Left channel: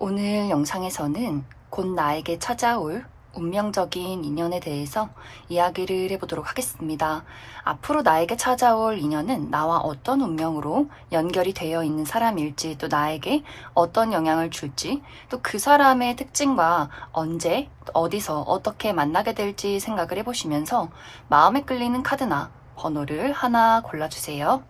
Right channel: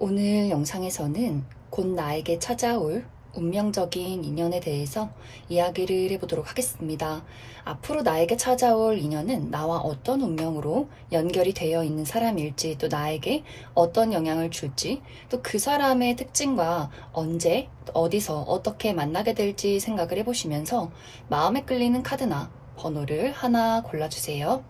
오늘 영상에서는 곧 나에게 찾아올 운명적인 인연에 대해서 이야기를 해보도록 하겠습니다. 앞으로 나에게 찾아올 인연은 나와 어떤 운명으로 연결이 되어 있는 사람일지, 또 나에게 어떤 영향을 줄지, 또 그 사람의 특징과 언제, 어디서 어떻게 만나게 될지 생각을 해보시면서 마음에 끌리는 카드나 번호를 하나 골라주세요.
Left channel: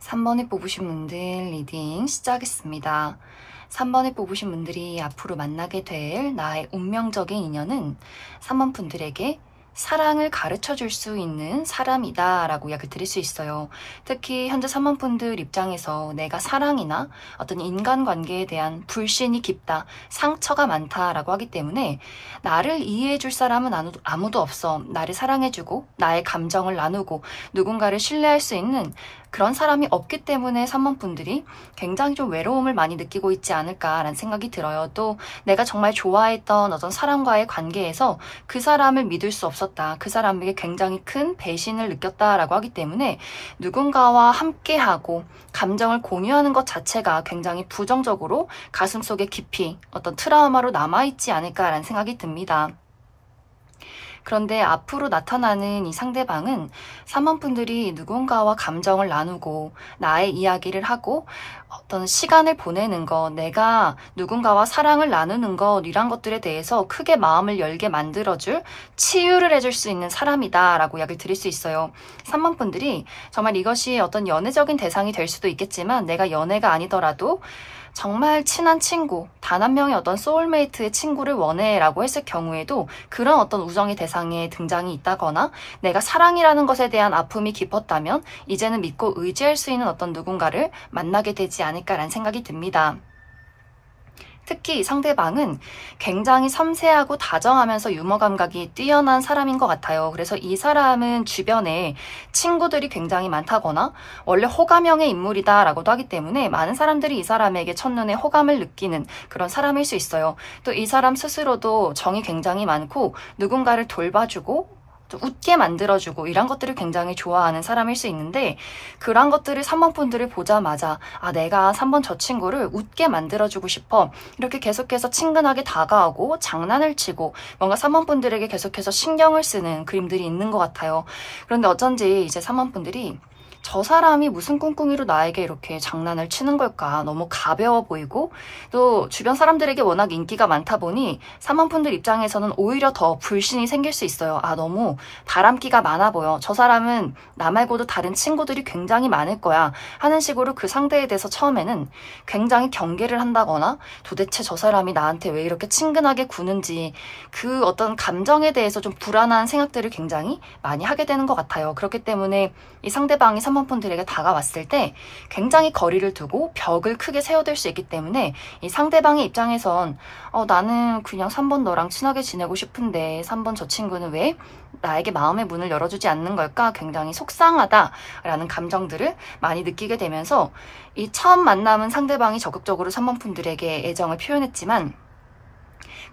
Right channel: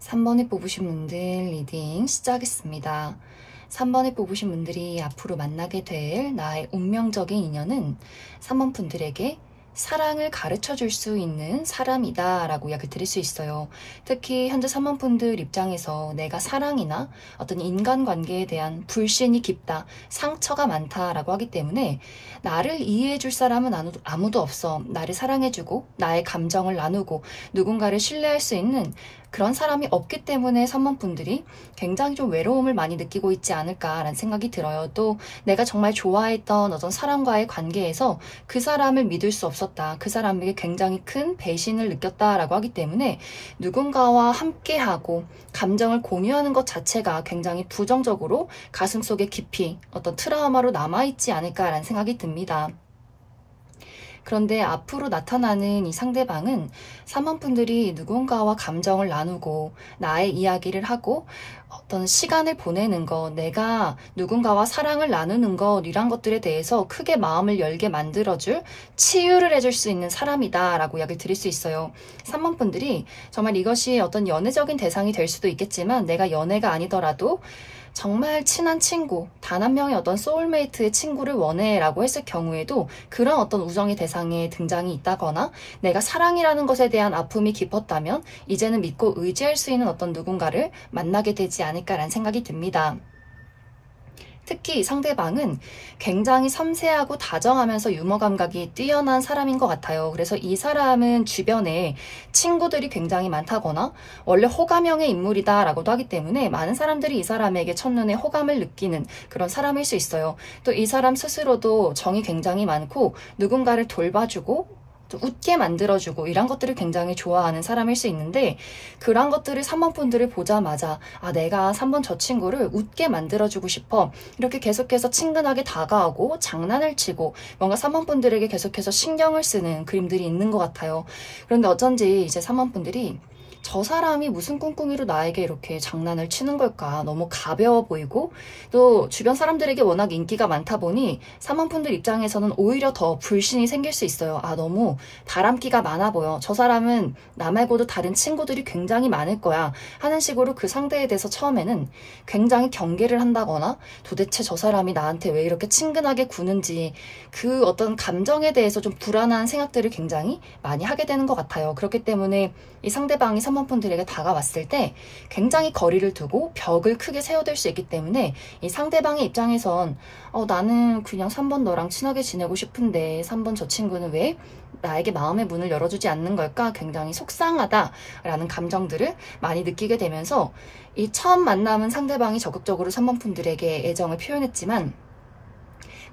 삼 번에 뽑으신 분들 리딩 시작하겠습니다. 3번에 뽑으신 분들이 앞으로 만나게 될 나의 운명적인 인연은 3번 분들에게 사랑을 가르쳐 줄 수 있는 사람이다 라고 이야기 드릴 수 있어요. 특히 현재 3번 분들 입장에서 내가 사랑이나 어떤 인간관계에 대한 불신이 깊다, 상처가 많다라고 하기 때문에 나를 이해해 줄 사람은 아무도 없어. 나를 사랑해주고 나의 감정을 나누고 누군가를 신뢰할 수 있는 그런 사람이 없기 때문에 3번 분들이 굉장히 좀 외로움을 많이 느끼고 있지 않을까라는 생각이 들어요. 또 내가 정말 좋아했던 어떤 사람과의 관계에서 그 사람을 믿을 수 없었다. 그 사람에게 굉장히 큰 배신을 느꼈다라고 하기 때문에 누군가와 함께하고 감정을 공유하는 것 자체가 굉장히 부정적으로 가슴속에 깊이 어떤 트라우마로 남아있지 않을까라는 생각이 듭니다. 그런데 앞으로 나타나는 이 상대방은 3번 분들이 누군가와 감정을 나누고 나의 이야기를 하고 어떤 시간을 보내는 것, 내가 누군가와 사랑을 나누는 것, 이런 것들에 대해서 크게 마음을 열게 만들어줄, 치유를 해줄 수 있는 사람이다 라고 이야기를 드릴 수 있어요. 3번 분들이 정말 이것이 어떤 연애적인 대상이 될 수도 있겠지만 내가 연애가 아니더라도 정말 친한 친구, 단 한 명의 어떤 소울메이트의 친구를 원해 라고 했을 경우에도 그런 어떤 우정의 대상에 등장이 있다거나 내가 사랑이라는 것에 대한 아픔이 깊었다면 이제는 믿고 의지할 수 있는 어떤 누군가를 만나게 되지 않을까라는 생각이 듭니다. 특히 상대방은 굉장히 섬세하고 다정하면서 유머 감각이 뛰어난 사람인 것 같아요. 그래서 이 사람은 주변에 친구들이 굉장히 많다거나 원래 호감형의 인물이다 라고도 하기 때문에 많은 사람들이 이 사람에게 첫눈에 호감을 느끼는 그런 사람일 수 있어요. 또 이 사람 스스로도 정이 굉장히 많고 누군가를 돌봐주고 웃게 만들어주고 이런 것들을 굉장히 좋아하는 사람일 수 있는데 그런 것들을 3번 분들을 보자마자 내가 3번 저 친구를 웃게 만들어주고 싶어 이렇게 계속해서 친근하게 다가오고 장난을 치고 뭔가 3번 분들에게 계속해서 신경을 쓰는 그림들이 있는 것 같아요. 그런데 어쩐지 이제 3번 분들이 저 사람이 무슨 꿍꿍이로 나에게 이렇게 장난을 치는 걸까? 너무 가벼워 보이고 또 주변 사람들에게 워낙 인기가 많다 보니 사모분들 입장에서는 오히려 더 불신이 생길 수 있어요. 아, 너무 바람기가 많아 보여. 저 사람은 나 말고도 다른 친구들이 굉장히 많을 거야 하는 식으로 그 상대에 대해서 처음에는 굉장히 경계를 한다거나 도대체 저 사람이 나한테 왜 이렇게 친근하게 구는지 그 어떤 감정에 대해서 좀 불안한 생각들을 굉장히 많이 하게 되는 것 같아요. 그렇기 때문에 이 상대방이 3번분들에게 다가왔을 때 굉장히 거리를 두고 벽을 크게 세워둘 수 있기 때문에 이 상대방의 입장에선 나는 그냥 3번 너랑 친하게 지내고 싶은데 3번 저 친구는 왜 나에게 마음의 문을 열어주지 않는 걸까? 굉장히 속상하다라는 감정들을 많이 느끼게 되면서 이 처음 만남은 상대방이 적극적으로 3번분들에게 애정을 표현했지만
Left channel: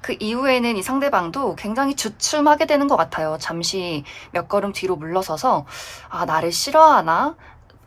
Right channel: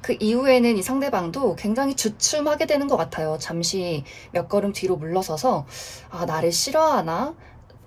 그 이후에는 이 상대방도 굉장히 주춤하게 되는 것 같아요. 잠시 몇 걸음 뒤로 물러서서 아, 나를 싫어하나?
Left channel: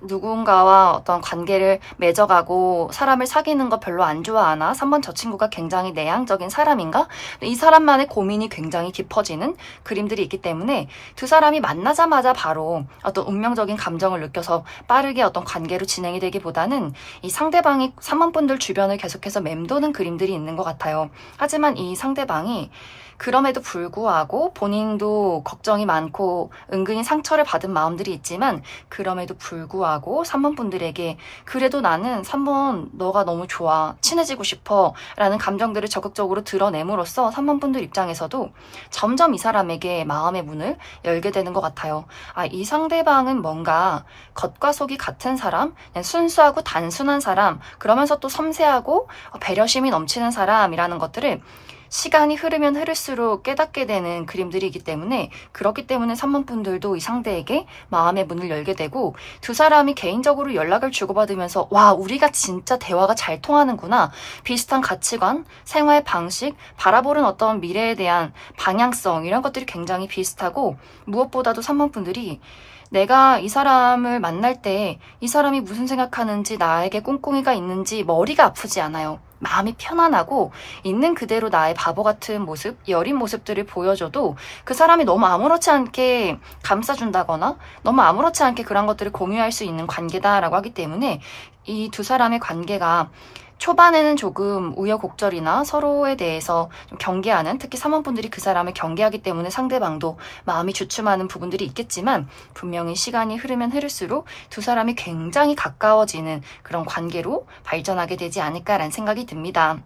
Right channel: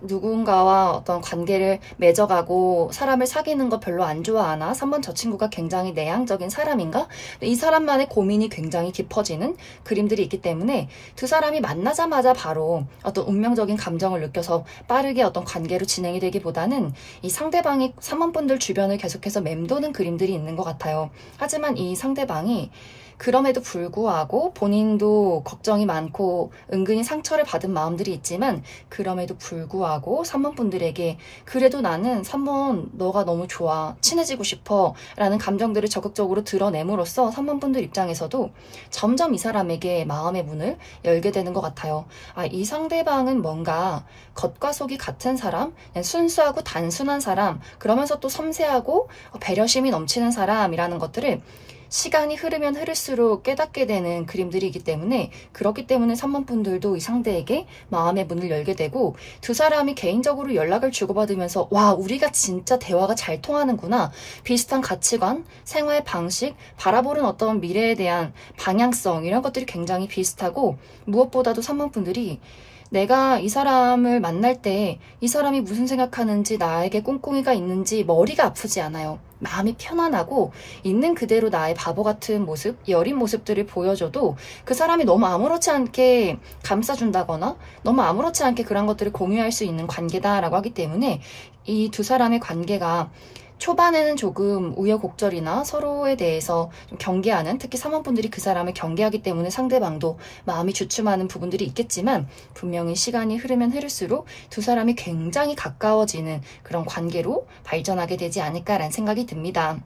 누군가와 어떤 관계를 맺어가고 사람을 사귀는 거 별로 안 좋아하나? 3번 저 친구가 굉장히 내향적인 사람인가? 이 사람만의 고민이 굉장히 깊어지는 그림들이 있기 때문에 두 사람이 만나자마자 바로 어떤 운명적인 감정을 느껴서 빠르게 어떤 관계로 진행이 되기보다는 이 상대방이 3번 분들 주변을 계속해서 맴도는 그림들이 있는 것 같아요. 하지만 이 상대방이 그럼에도 불구하고 본인도 걱정이 많고 은근히 상처를 받은 마음들이 있지만 그럼에도 불구하고 3번 분들에게 그래도 나는 3번 너가 너무 좋아, 친해지고 싶어 라는 감정들을 적극적으로 드러냄으로써 3번 분들 입장에서도 점점 이 사람에게 마음의 문을 열게 되는 것 같아요. 아, 이 상대방은 뭔가 겉과 속이 같은 사람, 그냥 순수하고 단순한 사람, 그러면서 또 섬세하고 배려심이 넘치는 사람이라는 것들을 시간이 흐르면 흐를수록 깨닫게 되는 그림들이기 때문에 그렇기 때문에 3번 분들도 이 상대에게 마음의 문을 열게 되고 두 사람이 개인적으로 연락을 주고받으면서 와, 우리가 진짜 대화가 잘 통하는구나. 비슷한 가치관, 생활 방식, 바라보는 어떤 미래에 대한 방향성 이런 것들이 굉장히 비슷하고 무엇보다도 3번 분들이 내가 이 사람을 만날 때 이 사람이 무슨 생각하는지 나에게 꿍꿍이가 있는지 머리가 아프지 않아요. 마음이 편안하고 있는 그대로 나의 바보 같은 모습, 여린 모습들을 보여줘도 그 사람이 너무 아무렇지 않게 감싸준다거나 너무 아무렇지 않게 그런 것들을 공유할 수 있는 관계다라고 하기 때문에 이 두 사람의 관계가 초반에는 조금 우여곡절이나 서로에 대해서 좀 경계하는, 특히 사모분들이 그 사람을 경계하기 때문에 상대방도 마음이 주춤하는 부분들이 있겠지만 분명히 시간이 흐르면 흐를수록 두 사람이 굉장히 가까워지는 그런 관계로 발전하게 되지 않을까라는 생각이 듭니다.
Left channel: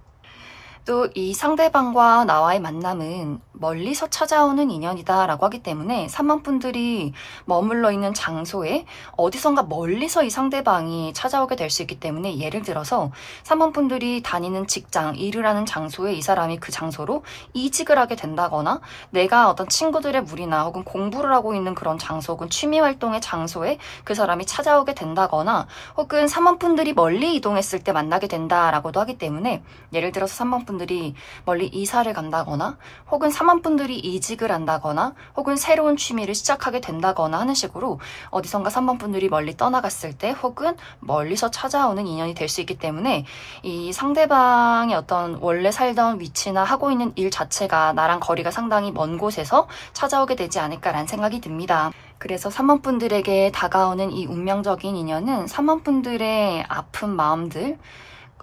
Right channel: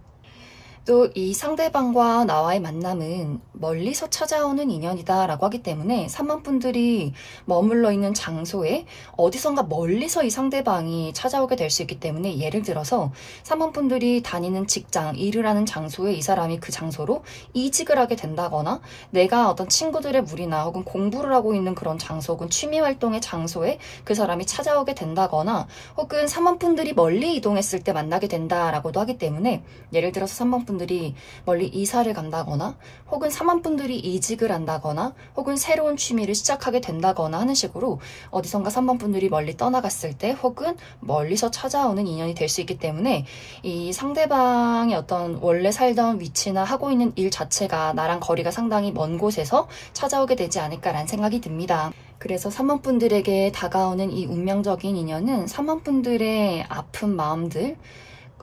또 이 상대방과 나와의 만남은 멀리서 찾아오는 인연이다 라고 하기 때문에 3번 분들이 머물러 있는 장소에 어디선가 멀리서 이 상대방이 찾아오게 될 수 있기 때문에 예를 들어서 3번 분들이 다니는 직장, 일을 하는 장소에 이 사람이 그 장소로 이직을 하게 된다거나 내가 어떤 친구들의 무리나 혹은 공부를 하고 있는 그런 장소 혹은 취미활동의 장소에 그 사람이 찾아오게 된다거나 혹은 3번 분들이 멀리 이동했을 때 만나게 된다라고도 하기 때문에 예를 들어서 3번 분들이 멀리 이사를 간다거나 혹은 3번 분들이 이직을 한다거나 혹은 새로운 취미를 시작하게 된다거나 하는 식으로 어디선가 3번 분들이 멀리 떠나갔을 때 혹은 멀리서 찾아오는 인연이 될 수 있기 때문에 이 상대방의 어떤 원래 살던 위치나 하고 있는 일 자체가 나랑 거리가 상당히 먼 곳에서 찾아오게 되지 않을까라는 생각이 듭니다. 그래서 3번 분들에게 다가오는 이 운명적인 인연은 3번 분들의 아픈 마음들,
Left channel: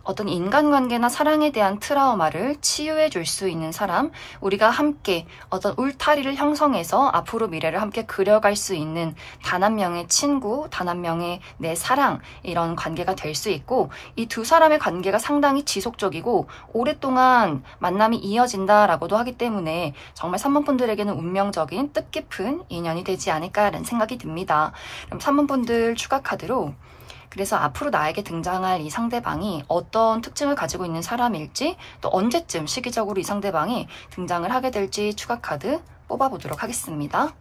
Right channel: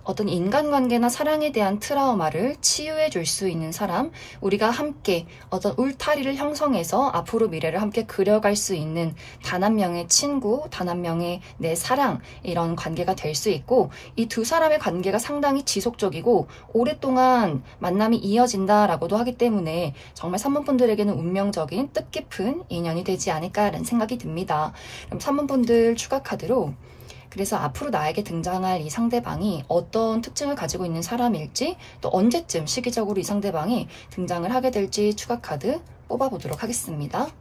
어떤 인간관계나 사랑에 대한 트라우마를 치유해 줄 수 있는 사람, 우리가 함께 어떤 울타리를 형성해서 앞으로 미래를 함께 그려갈 수 있는 단 한 명의 친구, 단 한 명의 내 사랑, 이런 관계가 될 수 있고 이 두 사람의 관계가 상당히 지속적이고 오랫동안 만남이 이어진다라고도 하기 때문에 정말 3번 분들에게는 운명적인 뜻깊은 인연이 되지 않을까라는 생각이 듭니다. 그럼 3번 분들 추가 카드로 그래서 앞으로 나에게 등장할 이 상대방이 어떤 특징을 가지고 있는 사람일지 또 언제쯤 시기적으로 이 상대방이 등장을 하게 될지 추가 카드 뽑아보도록 하겠습니다.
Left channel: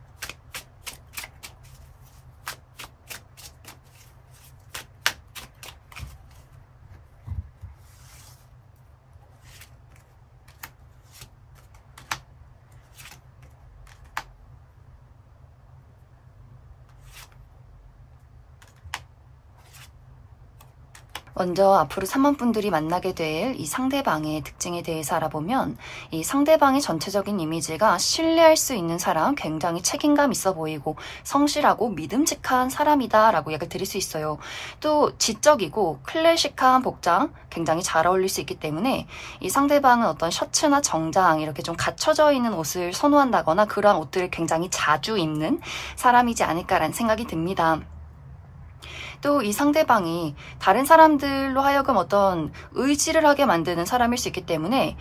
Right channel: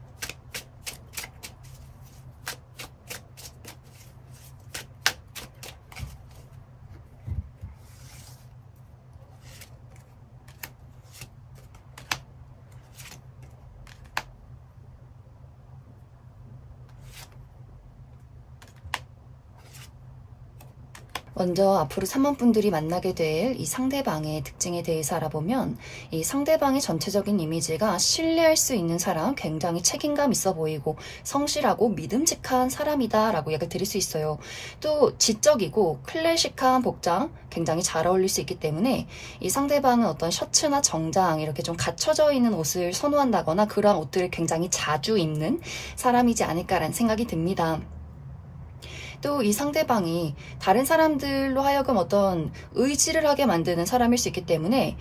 먼저 앞으로 3번 분들이 만나게 될 이 상대방의 특징에 대해서 알아보면 이 상대방의 전체적인 이미지가 신뢰할 수 있는 사람, 굉장히 책임감 있어 보이고 성실하고 믿음직한 사람이다 라고 얘기를 드릴 수 있어요. 또 지적이고 클래식한 복장 굉장히 잘 어울릴 수 있기 때문에 이 상대방은 어떤 셔츠나 정장 이렇게 좀 갖춰져 있는 옷을 선호한다거나 그러한 옷들을 굉장히 자주 입는 사람이지 않을까라는 생각이 듭니다. 또 이 상대방이 다른 사람들로 하여금 어떤 의지를 하게 만드는 사람일 수 있기 때문에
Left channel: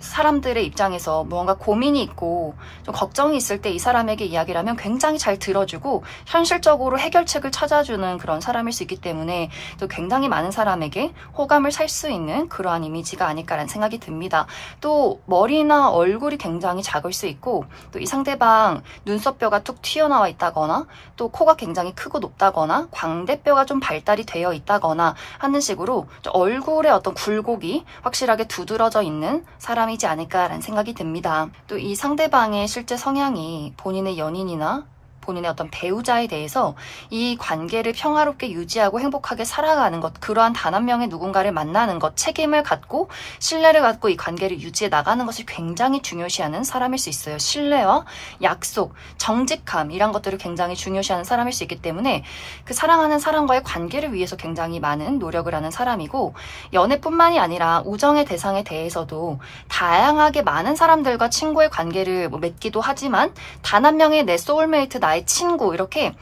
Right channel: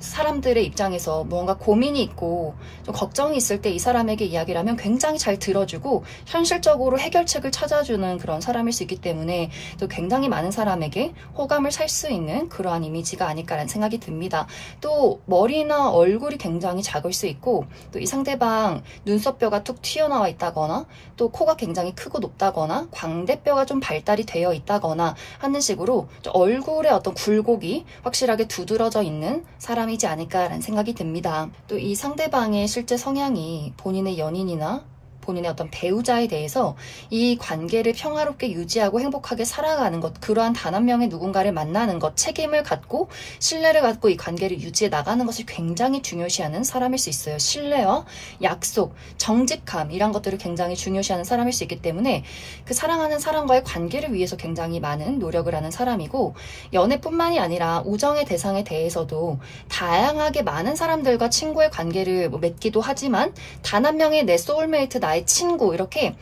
사람들의 입장에서 무언가 고민이 있고 좀 걱정이 있을 때 이 사람에게 이야기를 하면 굉장히 잘 들어주고 현실적으로 해결책을 찾아주는 그런 사람일 수 있기 때문에 또 굉장히 많은 사람에게 호감을 살 수 있는 그러한 이미지가 아닐까라는 생각이 듭니다. 또 머리나 얼굴이 굉장히 작을 수 있고 또 이 상대방 눈썹뼈가 툭 튀어나와 있다거나 또 코가 굉장히 크고 높다거나 광대뼈가 좀 발달이 되어 있다거나 하는 식으로 좀 얼굴에 어떤 굴곡이 확실하게 두드러져 있는 사람이지 않을까라는 생각이 듭니다. 또 이 상대방의 실제 성향이 본인의 연인이나 본인의 어떤 배우자에 대해서 이 관계를 평화롭게 유지하고 행복하게 살아가는 것, 그러한 단 한 명의 누군가를 만나는 것, 책임을 갖고 신뢰를 갖고 이 관계를 유지해 나가는 것을 굉장히 중요시하는 사람일 수 있어요. 신뢰와 약속, 정직함 이런 것들을 굉장히 중요시하는 사람일 수 있기 때문에 그 사랑하는 사람과의 관계를 위해서 굉장히 많은 노력을 하는 사람이고 연애뿐만이 아니라 우정의 대상에 대해서도 다양하게 많은 사람들과 친구의 관계를 맺기도 하지만 단 한 명의 내 소울메이트 나의 친구 이렇게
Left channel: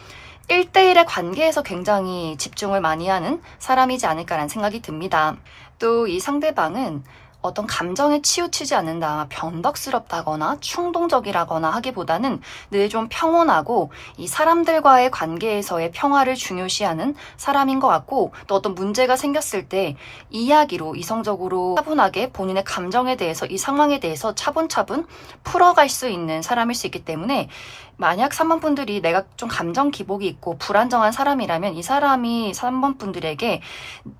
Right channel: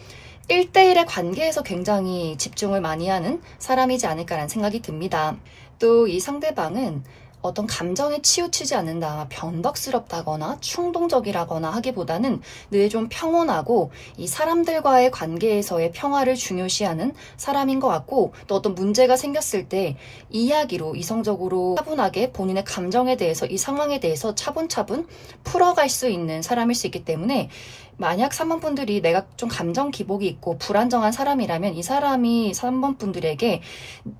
1대1의 관계에서 굉장히 집중을 많이 하는 사람이지 않을까라는 생각이 듭니다. 또 이 상대방은 어떤 감정에 치우치지 않는다, 변덕스럽다거나 충동적이라거나 하기보다는 늘 좀 평온하고 이 사람들과의 관계에서의 평화를 중요시하는 사람인 것 같고 또 어떤 문제가 생겼을 때 이야기로 이성적으로 차분하게 본인의 감정에 대해서 이 상황에 대해서 차분차분 풀어갈 수 있는 사람일 수 있기 때문에 만약 3번 분들이 내가 좀 감정 기복이 있고 불안정한 사람이라면 이 사람이 3번 분들에게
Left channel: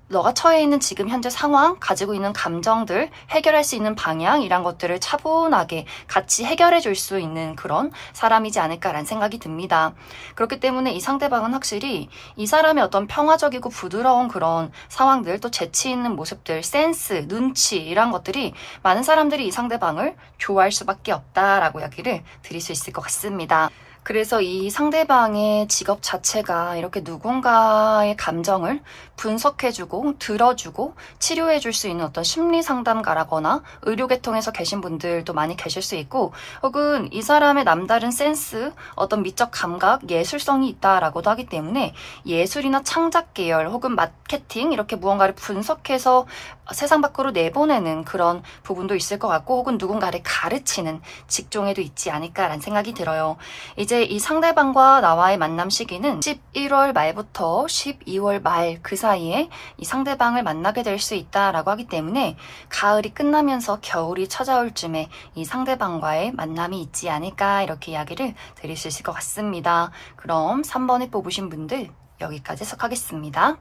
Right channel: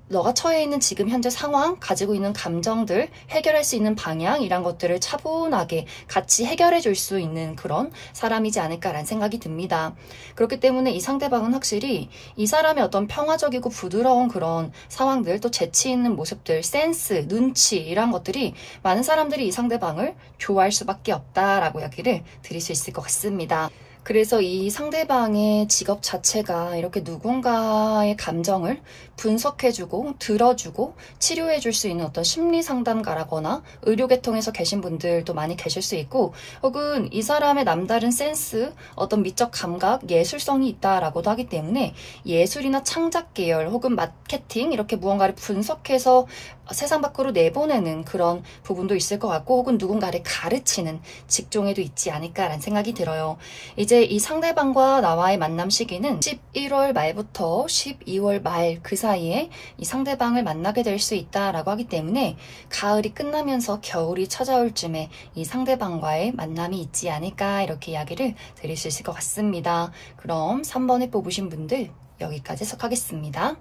너가 처해 있는 지금 현재 상황, 가지고 있는 감정들, 해결할 수 있는 방향 이런 것들을 차분하게 같이 해결해 줄 수 있는 그런 사람이지 않을까라는 생각이 듭니다. 그렇기 때문에 이 상대방은 확실히 이 사람의 어떤 평화적이고 부드러운 그런 상황들, 또 재치 있는 모습들, 센스, 눈치 이런 것들이 많은 사람들이 이 상대방을 좋아할 수밖에 없다라고 이야기를 드릴 수 있을 것 같습니다. 그래서 이 상대방의 직업 자체가 이렇게 누군가의 감정을 분석해주고 들어주고 치료해줄 수 있는 어떤 심리상담가라거나 의료계통에서 계신 분들도 많이 계실 수 있고 혹은 이 사람의 남다른 센스, 어떤 미적 감각, 예술성이 있다라고도 하기 때문에 예술이나 창작 계열 혹은 마케팅 이렇게 무언가를 분석해서 세상 밖으로 내보내는 그런 부분도 있을 것 같고 혹은 누군가를 가르치는 직종에도 있지 않을까라는 생각이 들어요. 이제 이 상대방과 나와의 만남 시기는 11월 말부터 12월 말 그 사이에 이 상대방을 만나게 될 수 있다라고 하기 때문에 가을이 끝나면서 겨울이 찾아올 쯤에 이 상대방과의 만남이 있지 않을까 이렇게 이야기를 드릴 수 있을 것 같습니다. 그럼 3번에 뽑으신 분들 여기까지 해석하겠습니다.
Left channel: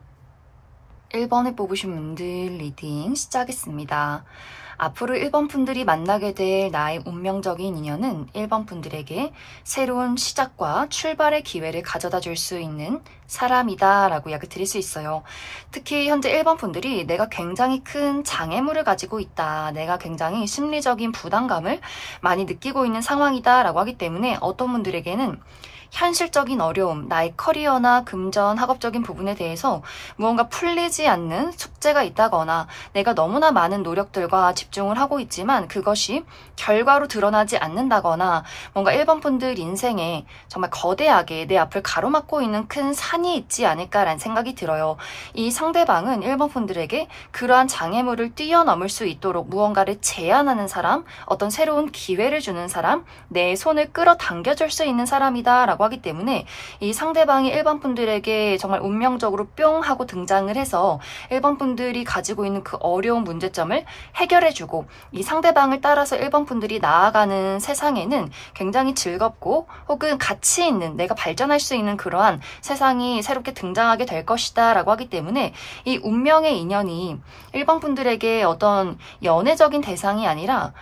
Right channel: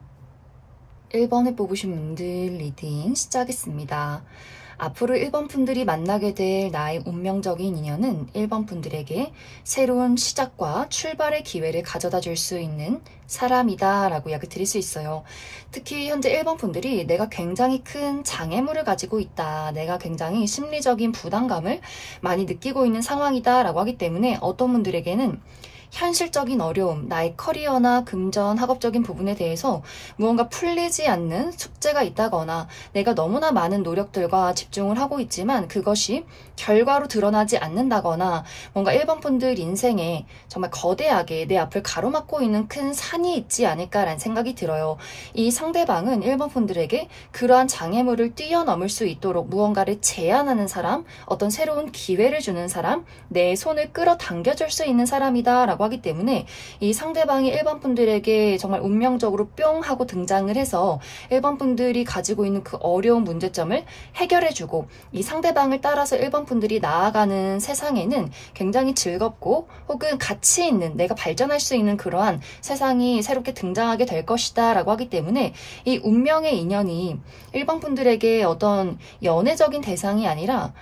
1번을 뽑으신 분들 리딩 시작하겠습니다. 앞으로 1번 분들이 만나게 될 나의 운명적인 인연은 1번 분들에게 새로운 시작과 출발의 기회를 가져다 줄 수 있는 사람이다 라고 이야기 드릴 수 있어요. 특히 현재 1번 분들이 내가 굉장히 큰 장애물을 가지고 있다, 내가 굉장히 심리적인 부담감을 많이 느끼고 있는 상황이다 라고 하기 때문에 어떤 분들에게는 현실적인 어려움, 나의 커리어나 금전, 학업적인 부분에 대해서 무언가 풀리지 않는 숙제가 있다거나 내가 너무나 많은 노력들과 집중을 하고 있지만 그것이 결과로 드러나지 않는다거나 뭔가 1번 분들 인생에 정말 거대하게 내 앞을 가로막고 있는 큰 산이 있지 않을까라는 생각이 들어요. 이 상대방은 1번 분들에게 그러한 장애물을 뛰어넘을 수 있도록 무언가를 제안하는 사람, 어떤 새로운 기회를 주는 사람, 내 손을 끌어당겨줄 수 있는 사람이다 라고 하기 때문에 이 상대방이 1번 분들에게 정말 운명적으로 뿅 하고 등장을 해서 1번 분들이 가지고 있는 그 어려운 문제점을 해결해주고 이 상대방을 따라서 1번 분들이 나아가는 세상에는 굉장히 즐겁고 혹은 가치 있는, 내가 발전할 수 있는 그러한 세상이 새롭게 등장하게 될 것이다 라고 하기 때문에 이 운명의 인연이 1번 분들에게 어떤 연애적인 대상이 아니라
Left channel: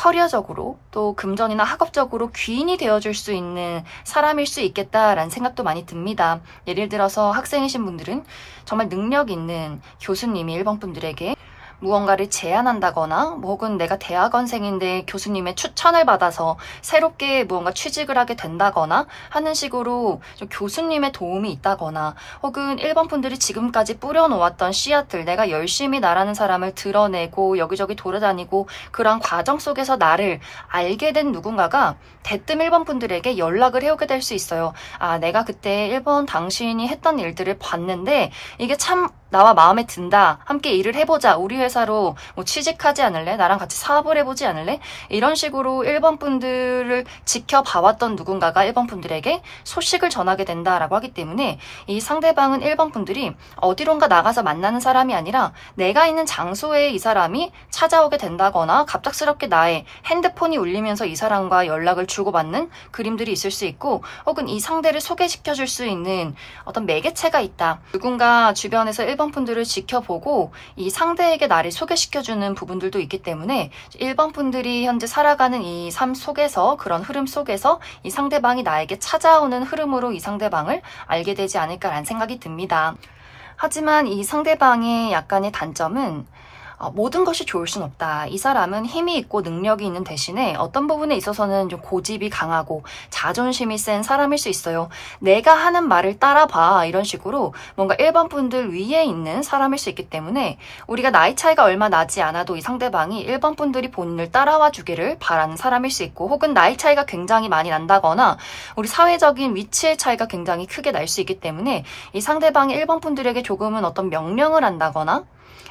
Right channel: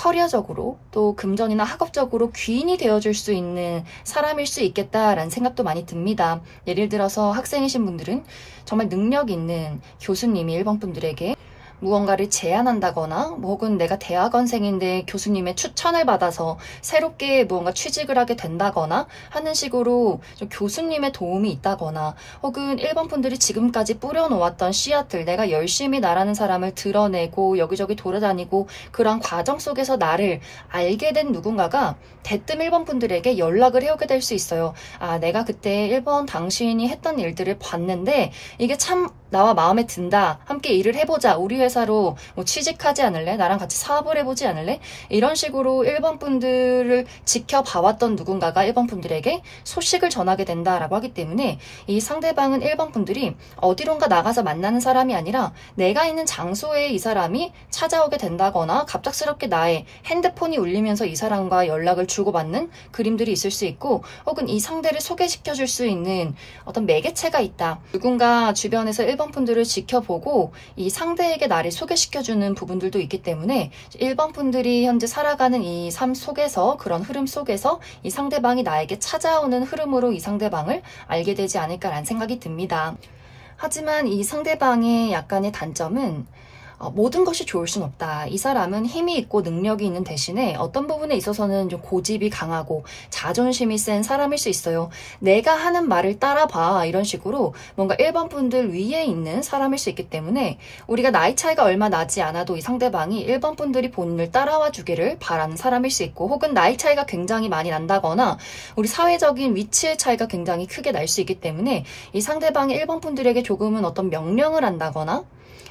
커리어적으로 또 금전이나 학업적으로 귀인이 되어줄 수 있는 사람일 수 있겠다라는 생각도 많이 듭니다. 예를 들어서 학생이신 분들은 정말 능력 있는 교수님이 1번 분들에게 무언가를 제안한다거나 혹은 내가 대학원생인데 교수님의 추천을 받아서 새롭게 무언가 취직을 하게 된다거나 하는 식으로 좀 교수님의 도움이 있다거나 혹은 1번 분들이 지금까지 뿌려놓았던 씨앗들, 내가 열심히 나라는 사람을 드러내고 여기저기 돌아다니고 그런 과정 속에서 나를 알게 된 누군가가 대뜸 1번 분들에게 연락을 해오게 될 수 있어요. 아, 내가 그때 1번 당신이 했던 일들을 봤는데 이게 참 나와 마음에 든다. 함께 일을 해보자. 우리 회사로 뭐 취직하지 않을래? 나랑 같이 사업을 해보지 않을래? 이런 식으로 1번 분들을 지켜봐왔던 누군가가 1번 분들에게 소식을 전하게 된다라고 하기 때문에 이 상대방은 1번 분들이 어디론가 나가서 만나는 사람이 아니라 내가 있는 장소에 이 사람이 찾아오게 된다거나 갑작스럽게 나의 핸드폰이 울리면서 이 사람과 연락을 주고받는 그림들이 있을 수 있고 혹은 이 상대를 소개시켜줄 수 있는 어떤 매개체가 있다. 누군가 주변에서 1번 분들을 지켜보고 이 상대에게 나를 소개시켜주는 부분들도 있기 때문에 1번 분들이 현재 살아가는 이 삶 속에서 그런 흐름 속에서 이 상대방이 나에게 찾아오는 흐름으로 이 상대방을 알게 되지 않을까라는 생각이 듭니다. 하지만 이 상대방의 약간의 단점은 모든 것이 좋을 순 없다. 이 사람은 힘이 있고 능력이 있는 대신에 어떤 부분에 있어서는 좀 고집이 강하고 자존심이 센 사람일 수 있어요. 내가 하는 말을 따라봐 이런 식으로 뭔가 1번 분들 위에 있는 사람일 수 있기 때문에 우리가 나이 차이가 얼마 나지 않아도 이 상대방이 1번 분들이 본인을 따라와 주기를 바라는 사람일 수 있고 혹은 나이 차이가 굉장히 많이 난다거나 우리 사회적인 위치의 차이가 굉장히 크게 날 수 있기 때문에 이 상대방이 1번 분들에게 조금은 어떤 명령을 한다거나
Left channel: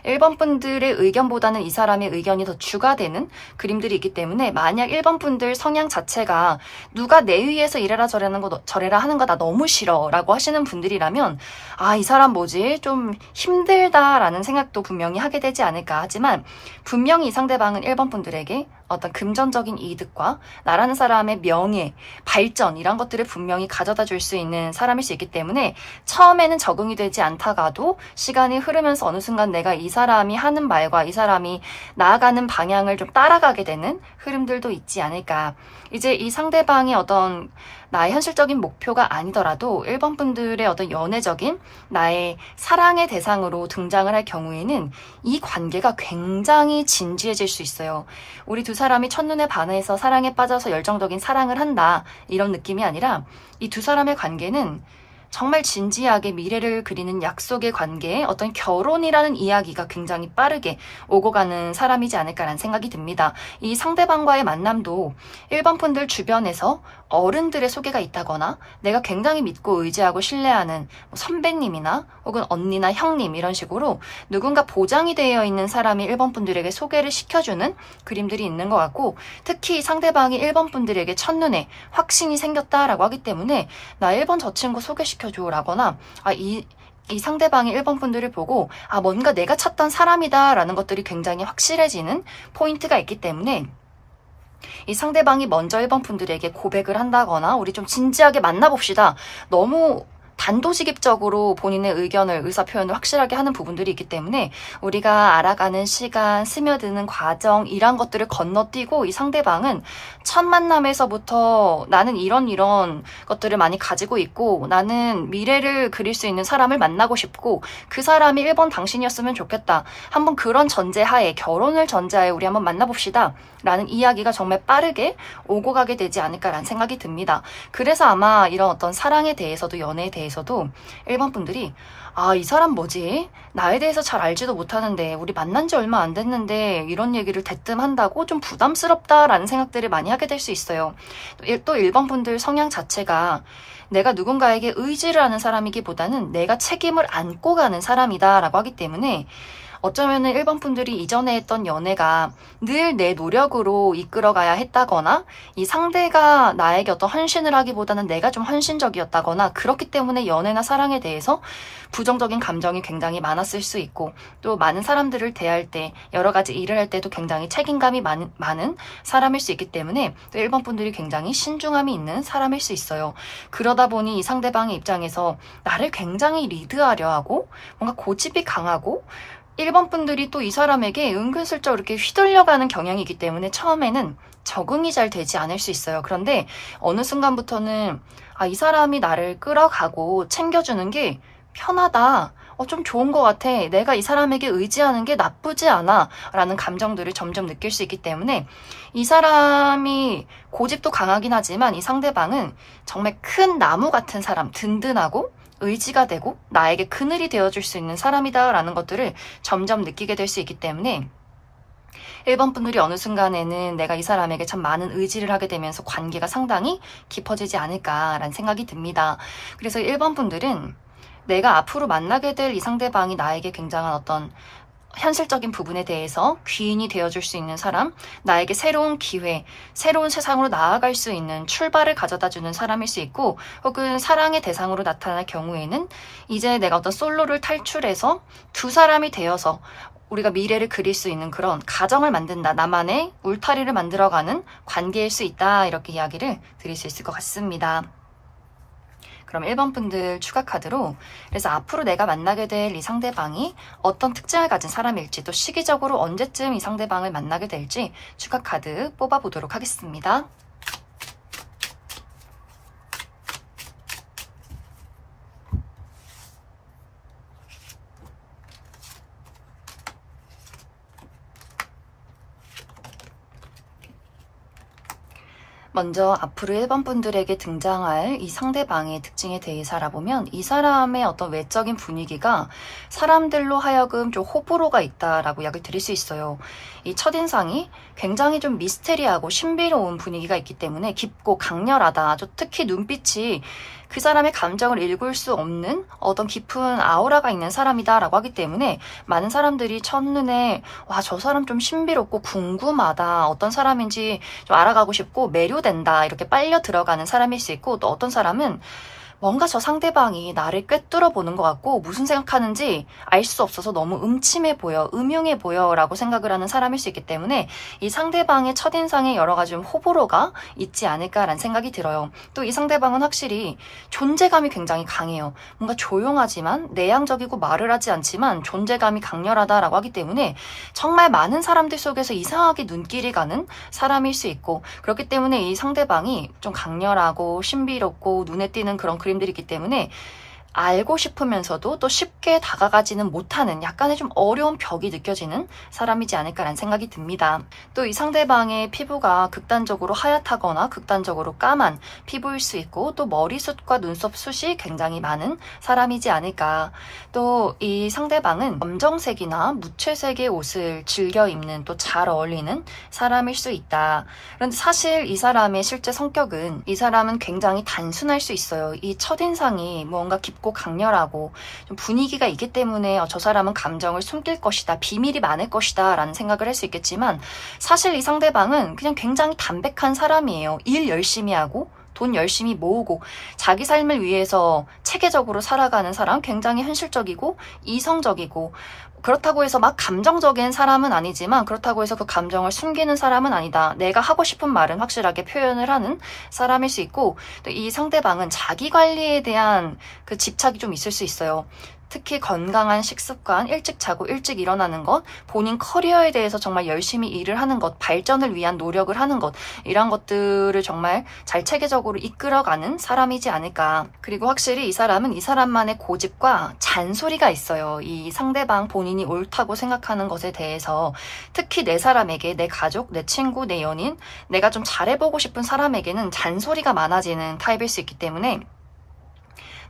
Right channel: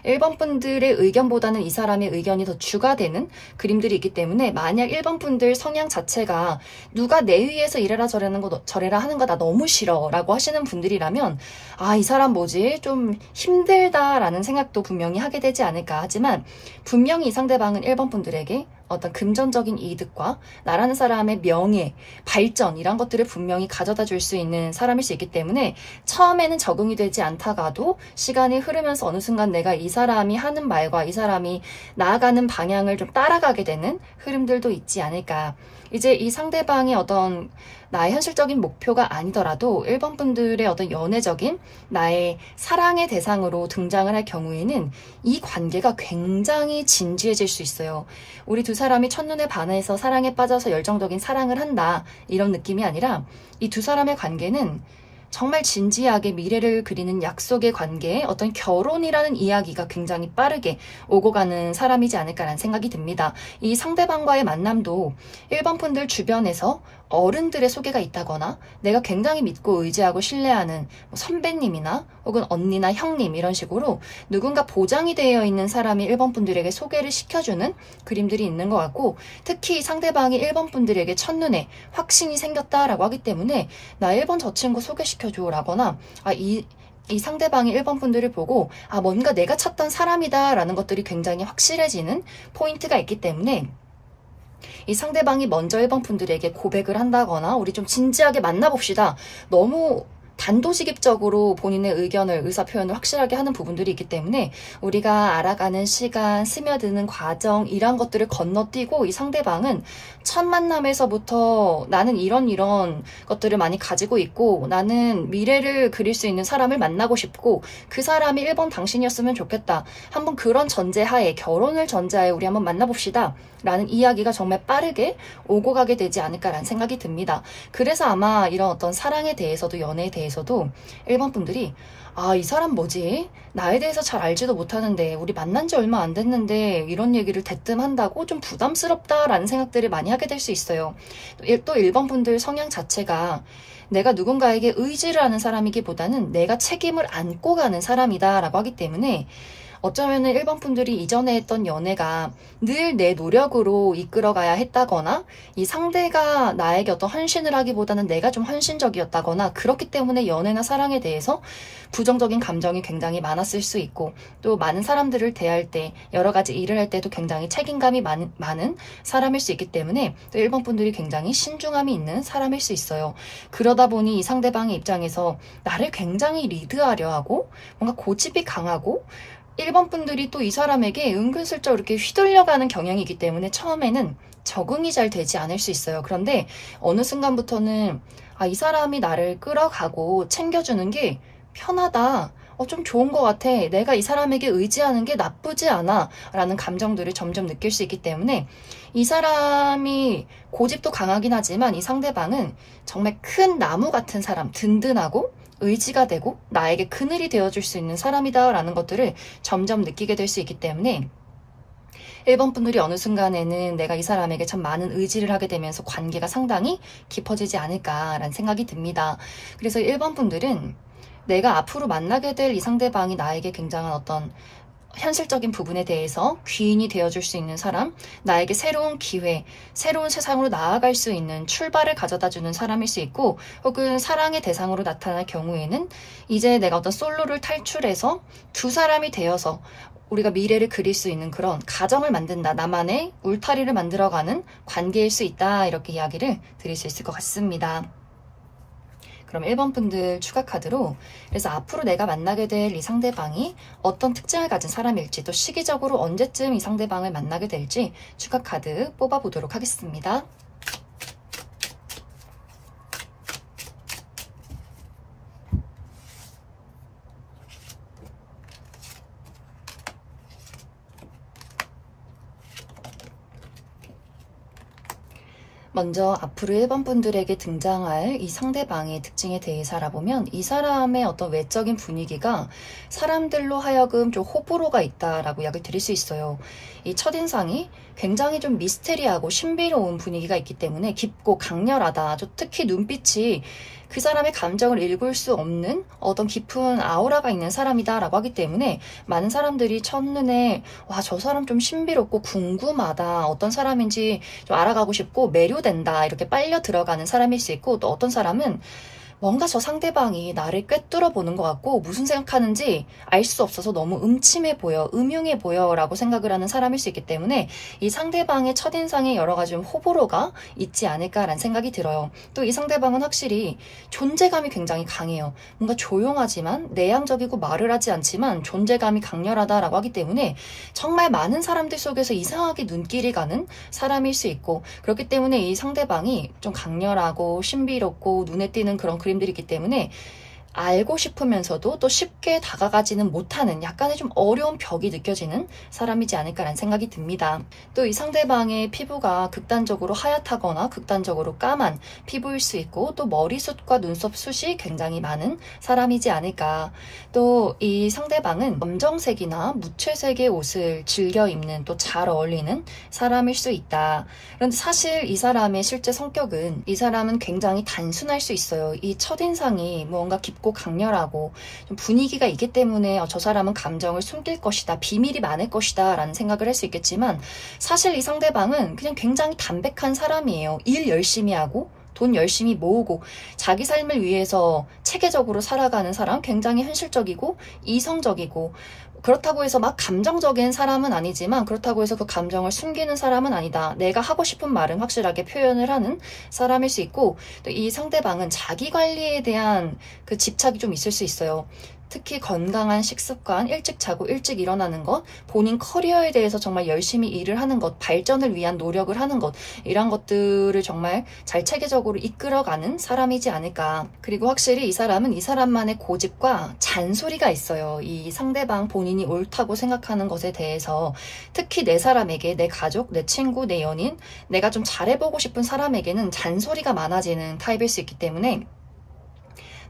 1번 분들의 의견보다는 이 사람의 의견이 더 주가 되는 그림들이 있기 때문에 만약 1번 분들 성향 자체가 누가 내 위에서 이래라 저래라 하는 거 나 너무 싫어 라고 하시는 분들이라면 아, 이 사람 뭐지? 좀 힘들다라는 생각도 분명히 하게 되지 않을까. 하지만 분명히 이 상대방은 1번 분들에게 어떤 금전적인 이득과 나라는 사람의 명예, 발전 이런 것들을 분명히 가져다 줄 수 있는 사람일 수 있기 때문에 처음에는 적응이 되지 않다가도 시간이 흐르면서 어느 순간 내가 이 사람이 하는 말과 이 사람이 나아가는 방향을 좀 따라가게 되는 흐름들도 있지 않을까. 이제 이 상대방이 어떤 나의 현실적인 목표가 아니더라도 1번 분들의 어떤 연애적인 나의 사랑의 대상으로 등장을 할 경우에는 이 관계가 굉장히 진지해질 수 있어요. 우리 두 사람이 첫눈에 반해서 사랑에 빠져서 열정적인 사랑을 한다 이런 느낌이 아니라 이 두 사람의 관계는 정말 진지하게 미래를 그리는 약속의 관계에 어떤 결혼이라는 이야기가 굉장히 빠르게 오고 가는 사람이지 않을까라는 생각이 듭니다. 이 상대방과의 만남도 1번 분들 주변에서 어른들의 소개가 있다거나 내가 굉장히 믿고 의지하고 신뢰하는 선배님이나 혹은 언니나 형님 이런 식으로 누군가 보장이 되어 있는 사람이 1번 분들에게 소개를 시켜주는 그림들이 있는 것 같고 특히 상대방이 1번 분들에게 첫눈에 확신이 생겼다라고 하기 때문에 나 1번 저 친구 소개시켜줘 라거나 이 상대방이 1번 분들을 보고 뭔가 내가 찾던 사람이다 라는 것들이 굉장히 확실해지는 포인트가 있기 때문에 이 상대방이 먼저 1번 분들에게 고백을 한다거나 우리 좀 진지하게 만나봅시다. 너무 단도직입적으로 본인의 의견을 의사표현을 확실하게 하는 부분들이 있기 때문에 우리가 알아가는 시간, 스며드는 과정 이런 것들을 건너뛰고 이 상대방은 첫 만남에서부터 나는 이런 것들을 많이 가지고 있고 나는 미래를 그릴 수 있는 사람을 만나고 싶고 그 사람이 1번 당신이었으면 좋겠다. 한번 그런 전제하에 결혼을 전제하에 우리 한번 만나봅시다. 라는 이야기가 정말 빠르게 오고 가게 되지 않을까라는 생각이 듭니다. 그래서 아마 이런 어떤 사랑에 대해서도 연애에 대해서도 1번 분들이 이 사람 뭐지? 나에 대해서 잘 알지도 못하는데 우리 만난 지 얼마 안 됐는데 이런 얘기를 대뜸 한다고 좀 부담스럽다라는 생각들을 많이 하게 될 수 있어요. 또 1번 분들 성향 자체가 내가 누군가에게 의지를 하는 사람이기보다는 내가 책임을 안고 가는 사람이다 라고 하기 때문에 어쩌면은 1번 분들이 이전에 했던 연애가 늘 내 노력으로 이끌어가야 했다거나 이 상대가 나에게 어떤 헌신을 하기보다는 내가 좀 헌신적이었다거나 그렇기 때문에 연애나 사랑에 대해서 부정적인 감정이 굉장히 많았을 수 있고 또 많은 사람들을 대할 때 여러 가지 일을 할 때도 굉장히 책임감이 많은 사람일 수 있기 때문에 또 1번 분들이 굉장히 신중함이 있는 사람일 수 있어요. 그러다 보니 이 상대방의 입장에서 나를 굉장히 리드하려 하고 뭔가 고집이 강하고 1번 분들이 또 이 사람에게 은근슬쩍 이렇게 휘둘려가는 경향이 있기 때문에 처음에는 적응이 잘 되지 않을 수 있어요. 그런데 어느 순간부터는 이 사람이 나를 끌어가고 챙겨주는 게 편하다. 좀 좋은 것 같아. 내가 이 사람에게 의지하는 게 나쁘지 않아. 라는 감정들을 점점 느낄 수 있기 때문에 이 사람이 고집도 강하긴 하지만 이 상대방은 정말 큰 나무 같은 사람, 든든하고 의지가 되고 나에게 그늘이 되어줄 수 있는 사람이다 라는 것들을 점점 느끼게 될 수 있기 때문에 1번 분들이 어느 순간에는 내가 이 사람에게 참 많은 의지를 하게 되면서 관계가 상당히 깊어지지 않을까라는 생각이 듭니다. 그래서 1번 분들은 내가 앞으로 만나게 될 이 상대방이 나에게 굉장한 어떤 현실적인 부분에 대해서 귀인이 되어줄 수 있는 사람, 나에게 새로운 기회, 새로운 세상으로 나아갈 수 있는 출발을 가져다주는 사람일 수 있고, 혹은 사랑의 대상으로 나타날 경우에는 이제 내가 어떤 솔로를 탈출해서 두 사람이 되어서 우리가 미래를 그릴 수 있는 그런 가정을 만든다, 나만의 울타리를 만들어가는 관계일 수 있다, 이렇게 이야기를 드릴 수 있을 것 같습니다. 그럼 1번 분들 추가 카드로, 그래서 앞으로 내가 만나게 될 이 상대방이 어떤 특징을 가진 사람일지, 또 시기적으로 언제쯤 이 상대방을 만나게 될지 추가 카드 뽑아보도록 하겠습니다. 먼저 앞으로 1번 분들에게 등장할 이 상대방의 특징에 대해서 알아보면 이 사람의 어떤 외적인 분위기가 사람들로 하여금 좀 호불호가 있다라고 이야기를 드릴 수 있어요. 이 첫인상이 굉장히 좀 미스테리하고 신비로운 분위기가 있기 때문에 깊고 강렬하다. 특히 눈빛이 그 사람의 감정을 읽을 수 없는 어떤 깊은 아우라가 있는 사람이다 라고 하기 때문에 많은 사람들이 첫눈에 와, 저 사람 좀 신비롭고 궁금하다, 어떤 사람인지 좀 알아가고 싶고 매료된다, 이렇게 빨려 들어가는 사람일 수 있고, 또 어떤 사람은 뭔가 저 상대방이 나를 꿰뚫어 보는 것 같고 무슨 생각하는지 알 수 없어서 너무 음침해 보여, 음흉해 보여 라고 생각을 하는 사람일 수 있기 때문에 이 상대방의 첫인상에 여러 가지 좀 호불호가 있지 않을까라는 생각이 들어요. 또 이 상대방은 확실히 존재감이 굉장히 강해요. 뭔가 조용하지만 내향적이고 말을 하지 않지만 존재감이 강렬하다라고 하기 때문에 정말 많은 사람들 속에서 이상하게 눈길이 가는 사람일 수 있고, 그렇기 때문에 이 상대방이 좀 강렬하고 신비롭고 눈에 띄는 그런 그림들이 있기 때문에 알고 싶으면서도 또 쉽게 다가가지는 못하는 약간의 좀 어려운 벽이 느껴지는 사람이지 않을까라는 생각이 듭니다. 또 이 상대방의 피부가 극단적으로 하얗다거나 극단적으로 까만 피부일 수 있고, 또 머리숱과 눈썹 숱이 굉장히 많은 사람이지 않을까. 또 이 상대방은 검정색이나 무채색의 옷을 즐겨 입는, 또 잘 어울리는 사람일 수 있다. 그런데 사실 이 사람의 실제 성격은, 이 사람은 굉장히 단순할 수 있어요. 이 첫인상이 뭔가 깊고 강렬하고 좀 분위기가 있기 때문에 저 사람은 감정을 숨길 것이다, 비밀이 많을 것이다 라는 생각을 할 수 있겠지만, 사실 이 상대방은 그냥 굉장히 담백한 사람이에요. 일 열심히 하고 돈 열심히 모으고 자기 삶을 위해서 체계적으로 살아가는 사람, 굉장히 현실적이고 이성적이고, 그렇다고 해서 막 감정적인 사람은 아니지만 그렇다고 해서 그 감정을 숨기는 사람은 아니다. 내가 하고 싶은 말은 확실하게 표현을 하는 사람일 수 있고, 또 이 상대방은 자기 관리에 대한 그 집착이 좀 있을 수 있어요. 특히 건강한 식습관, 일찍 자고 일찍 일어나는 것, 본인 커리어에 대해서 정말 열심히 일을 하는 것, 발전을 위한 노력을 하는 것, 이런 것들을 정말 잘 체계적으로 이끌어가는 사람이지 않을까. 그리고 확실히 이 사람은 이 사람만의 고집과 잔소리가 있어요. 이 상대방 본인이 옳다고 생각하는 것에 대해서, 특히 내 사람에게, 내 가족, 내 친구, 내 연인, 내가 좀 잘해보고 싶은 사람에게는 잔소리가 많아지는 타입일 수 있기 때문에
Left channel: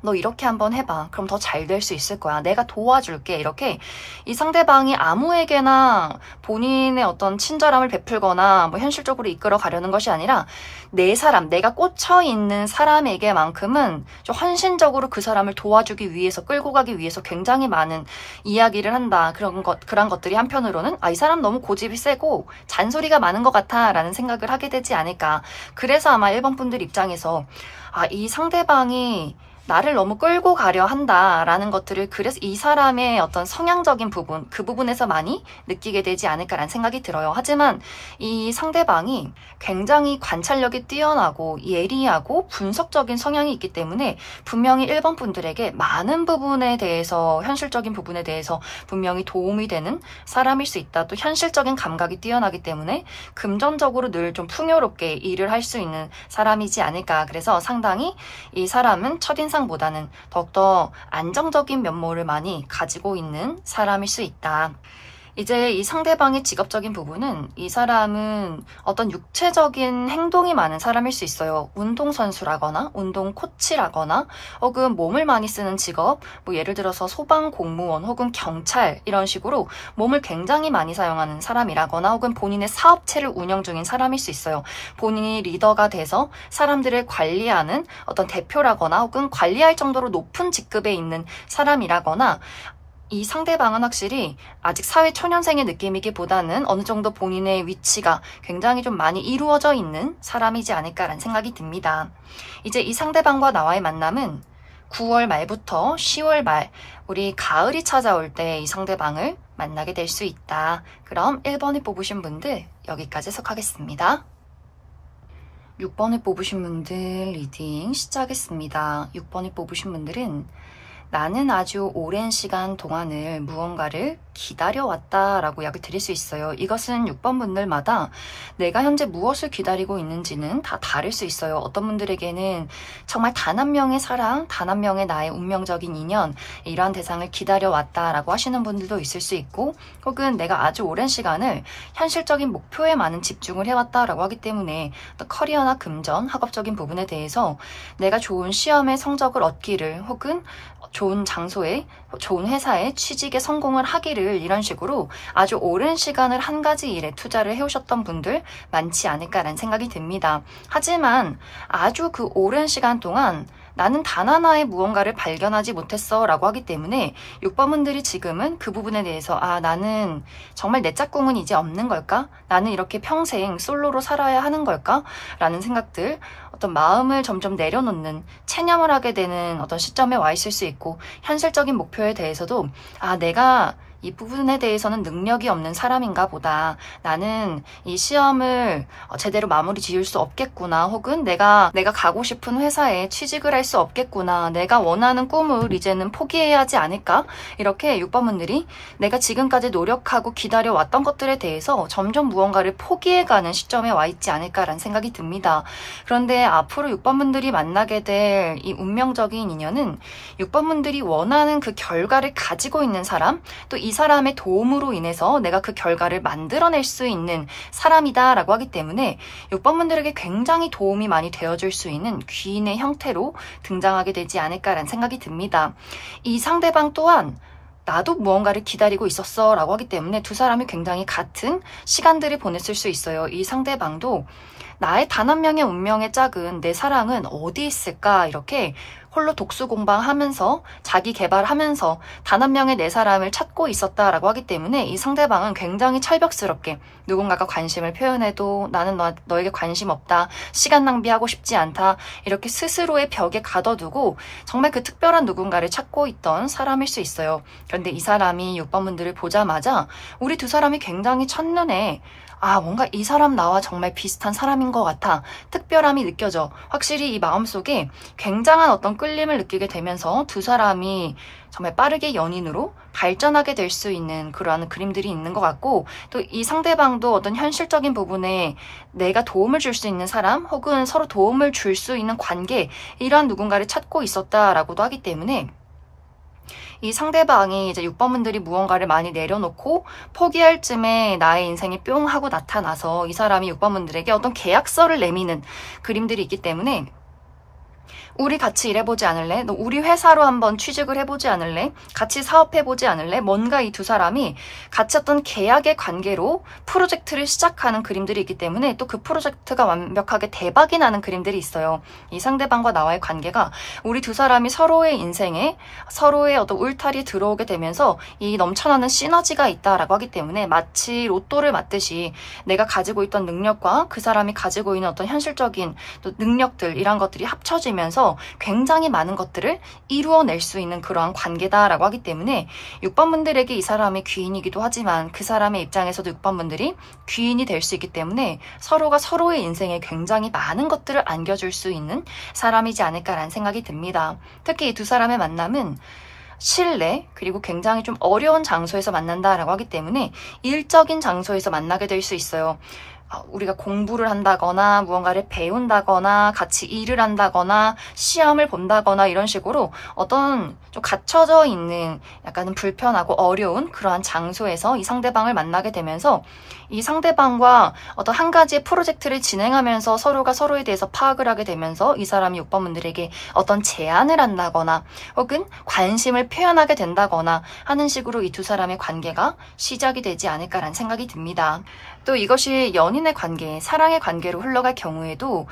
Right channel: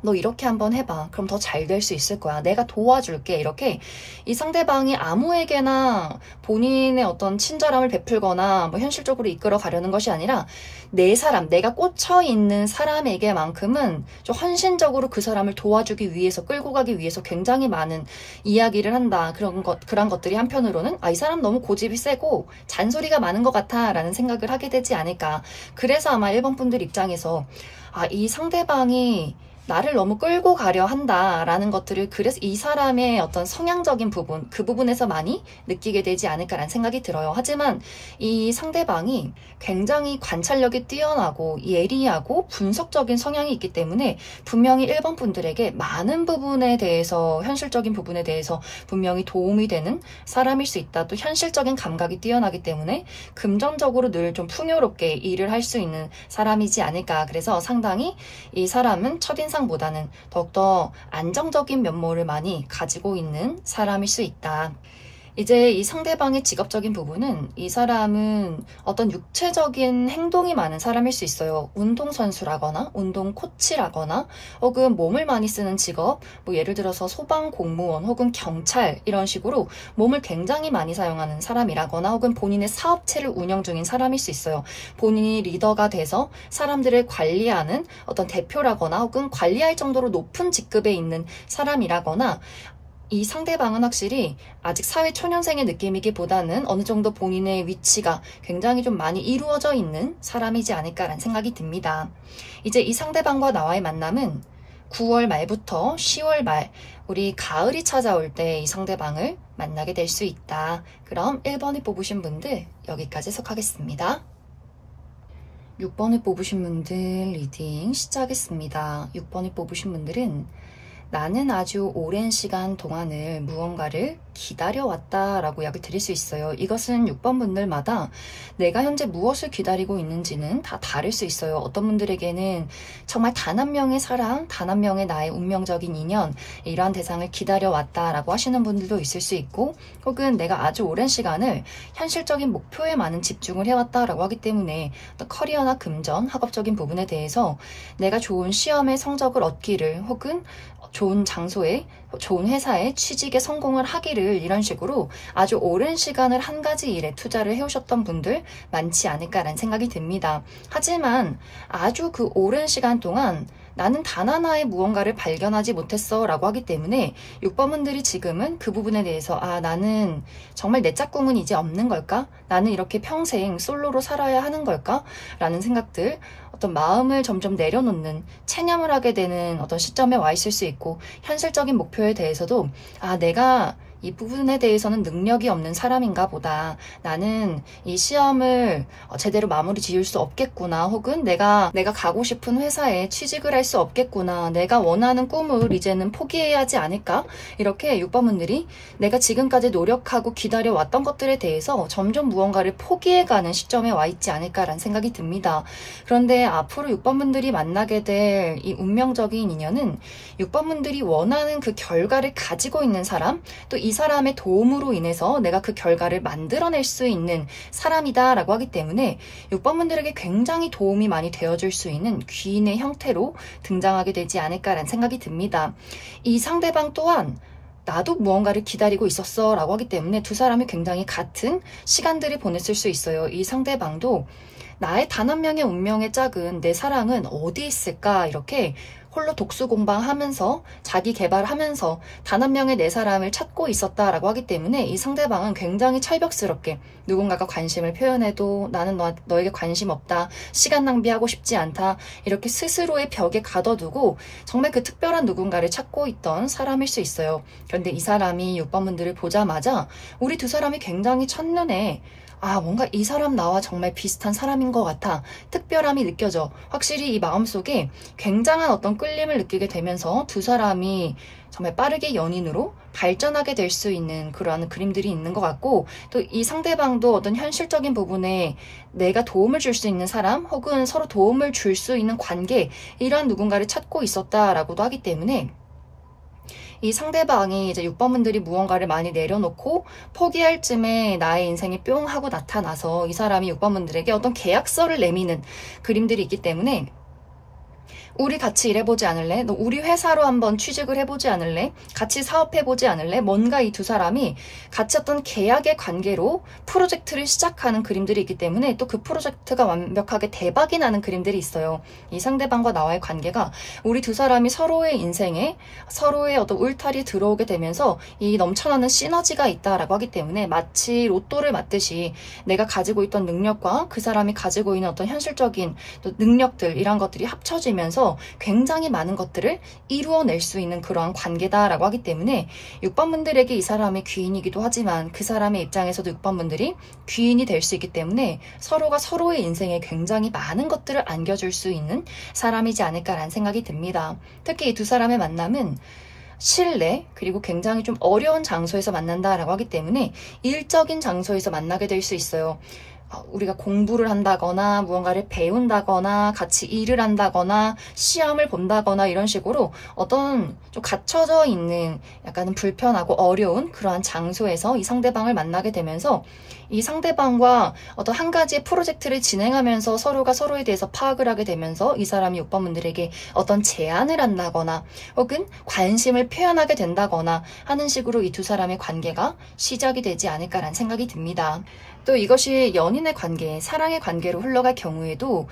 너 이렇게 한번 해봐. 그럼 더 잘 될 수 있을 거야. 내가 도와줄게. 이렇게 이 상대방이 아무에게나 본인의 어떤 친절함을 베풀거나 뭐 현실적으로 이끌어 가려는 것이 아니라 내 사람, 내가 꽂혀 있는 사람에게만큼은 좀 헌신적으로 그 사람을 도와주기 위해서, 끌고 가기 위해서 굉장히 많은 이야기를 한다. 그런 것들이 한편으로는 이 사람 너무 고집이 세고 잔소리가 많은 것 같아 라는 생각을 하게 되지 않을까. 그래서 아마 1번 분들 입장에서 이 상대방이 나를 너무 끌고 가려 한다라는 것들을 그래서 이 사람의 어떤 성향적인 부분, 그 부분에서 많이 느끼게 되지 않을까라는 생각이 들어요. 하지만 이 상대방이 굉장히 관찰력이 뛰어나고 예리하고 분석적인 성향이 있기 때문에 분명히 1번 분들에게 많은 부분에 대해서, 현실적인 부분에 대해서 분명히 도움이 되는 사람일 수 있다. 또 현실적인 감각이 뛰어나기 때문에 금전적으로 늘 좀 풍요롭게 일을 할 수 있는 사람이지 않을까. 그래서 상당히 이 사람은 첫인상보다는 더욱더 안정적인 면모를 많이 가지고 있는 사람일 수 있다. 이제 이 상대방의 직업적인 부분은 이 사람은 어떤 육체적인 행동이 많은 사람일 수 있어요. 운동선수라거나 운동 코치라거나 혹은 몸을 많이 쓰는 직업, 뭐 예를 들어서 소방공무원 혹은 경찰 이런 식으로 몸을 굉장히 많이 사용하는 사람이라거나 혹은 본인의 사업체를 운영 중인 사람일 수 있어요. 본인이 리더가 돼서 사람들을 관리하는 어떤 대표라거나 혹은 관리할 정도로 높은 직급에 있는 사람이라거나 이 상대방은 확실히 아직 사회 초년생의 느낌이기보다는 어느 정도 본인의 위치가 굉장히 좀 많이 이루어져 있는 사람이지 않을까라는 생각이 듭니다. 이제 이 상대방과 나와의 만남은 9월 말부터 10월 말, 우리 가을이 찾아올 때 이 상대방을 만나게 될 수 있다. 그럼 1번을 뽑으신 분들 여기까지 해석하겠습니다. 6번을 뽑으신 분들 리딩 시작하겠습니다. 6번을 뽑으신 분들은 나는 아주 오랜 시간 동안을 무언가를 기다려왔다 라고 이야기 드릴 수 있어요. 이것은 6번 분들마다 내가 현재 무엇을 기다리고 있는지는 다 다를 수 있어요. 어떤 분들에게는 정말 단 한 명의 사랑, 단 한 명의 나의 운명적인 인연, 이러한 대상을 기다려왔다 라고 하시는 분들도 있을 수 있고, 혹은 내가 아주 오랜 시간을 현실적인 목표에 많은 집중을 해왔다 라고 하기 때문에 커리어나 금전, 학업적인 부분에 대해서 내가 좋은 시험의 성적을 얻기를, 혹은 좋은 장소에, 좋은 회사에 취직에 성공을 하기를, 이런 식으로 아주 오랜 시간을 한 가지 일에 투자를 해오셨던 분들 많지 않을까라는 생각이 듭니다. 하지만 아주 그 오랜 시간 동안 나는 단 하나의 무언가를 발견하지 못했어 라고 하기 때문에 6번 분들이 지금은 그 부분에 대해서 나는 정말 내 짝꿍은 이제 없는 걸까? 나는 이렇게 평생 솔로로 살아야 하는 걸까? 라는 생각들, 어떤 마음을 점점 내려놓는, 체념을 하게 되는 어떤 시점에 와 있을 수 있고, 현실적인 목표에 대해서도 내가 이 부분에 대해서는 능력이 없는 사람인가 보다. 나는 이 시험을 제대로 마무리 지을 수 없겠구나. 혹은 내가 가고 싶은 회사에 취직을 할 수 없겠구나. 내가 원하는 꿈을 이제는 포기해야 하지 않을까? 이렇게 6번 분들이 내가 지금까지 노력하고 기다려왔던 것들에 대해서 점점 무언가를 포기해가는 시점에 와 있지 않을까라는 생각이 듭니다. 그런데 앞으로 6번 분들이 만나게 될 이 운명적인 인연은 6번 분들이 원하는 그 결과를 가지고 있는 사람, 또 이 사람의 도움으로 인해서 내가 그 결과를 만들어낼 수 있는 사람이다 라고 하기 때문에 6번 분들에게 굉장히 도움이 많이 되어줄 수 있는 귀인의 형태로 등장하게 되지 않을까라는 생각이 듭니다. 이 상대방 또한 나도 무언가를 기다리고 있었어 라고 하기 때문에 두 사람이 굉장히 같은 시간들을 보냈을 수 있어요. 이 상대방도 나의 단 한 명의 운명의 짝은, 내 사랑은 어디 있을까, 이렇게 홀로 독수공방하면서 자기 개발하면서 단 한 명의 내 사람을 찾고 있었다라고 하기 때문에 이 상대방은 굉장히 철벽스럽게 누군가가 관심을 표현해도 나는 너에게 관심 없다, 시간 낭비하고 싶지 않다, 이렇게 스스로의 벽에 가둬두고 정말 그 특별한 누군가를 찾고 있던 사람일 수 있어요. 그런데 이 사람이 6번 분들을 보자마자 우리 두 사람이 굉장히 첫눈에 뭔가 이 사람 나와 정말 비슷한 사람인 것 같아, 특별함이 느껴져. 확실히 이 마음속에 굉장한 어떤 끌림을 느끼게 되면서 두 사람이 정말 빠르게 연인으로 발전하게 될 수 있는 그러한 그림들이 있는 것 같고, 또 이 상대방도 어떤 현실적인 부분에 내가 도움을 줄 수 있는 사람, 혹은 서로 도움을 줄 수 있는 관계, 이러한 누군가를 찾고 있었다라고도 하기 때문에 이 상대방이 이제 6번 분들이 무언가를 많이 내려놓고 포기할 쯤에 나의 인생이 뿅 하고 나타나서 이 사람이 6번 분들에게 어떤 계약서를 내미는 그림들이 있기 때문에 우리 같이 일해보지 않을래? 너 우리 회사로 한번 취직을 해보지 않을래? 같이 사업해보지 않을래? 뭔가 이 두 사람이 같이 어떤 계약의 관계로 프로젝트를 시작하는 그림들이 있기 때문에 또 그 프로젝트가 완벽하게 대박이 나는 그림들이 있어요. 이 상대방과 나와의 관계가 우리 두 사람이 서로의 인생에 서로의 어떤 울타리에 들어오게 되면서 이 넘쳐나는 시너지가 있다라고 하기 때문에 마치 로또를 맞듯이 내가 가지고 있던 능력과 그 사람이 가지고 있는 어떤 현실적인 또 능력들, 이런 것들이 합쳐지면서 통해서 굉장히 많은 것들을 이루어낼 수 있는 그러한 관계다라고 하기 때문에 6번 분들에게 이 사람이 귀인이기도 하지만 그 사람의 입장에서도 6번 분들이 귀인이 될 수 있기 때문에 서로가 서로의 인생에 굉장히 많은 것들을 안겨줄 수 있는 사람이지 않을까라는 생각이 듭니다. 특히 이 두 사람의 만남은 실내 그리고 굉장히 좀 어려운 장소에서 만난다라고 하기 때문에 일적인 장소에서 만나게 될 수 있어요. 우리가 공부를 한다거나 무언가를 배운다거나 같이 일을 한다거나 시험을 본다거나 이런 식으로 어떤 좀 갇혀져 있는 약간은 불편하고 어려운 그러한 장소에서 이 상대방을 만나게 되면서 이 상대방과 어떤 한 가지의 프로젝트를 진행하면서 서로가 서로에 대해서 파악을 하게 되면서 이 사람이 6번 분들에게 어떤 제안을 한다거나 혹은 관심을 표현하게 된다거나 하는 식으로 이 두 사람의 관계가 시작이 되지 않을까라는 생각이 듭니다. 또 이것이 연인의 관계, 사랑의 관계로 흘러갈 경우에도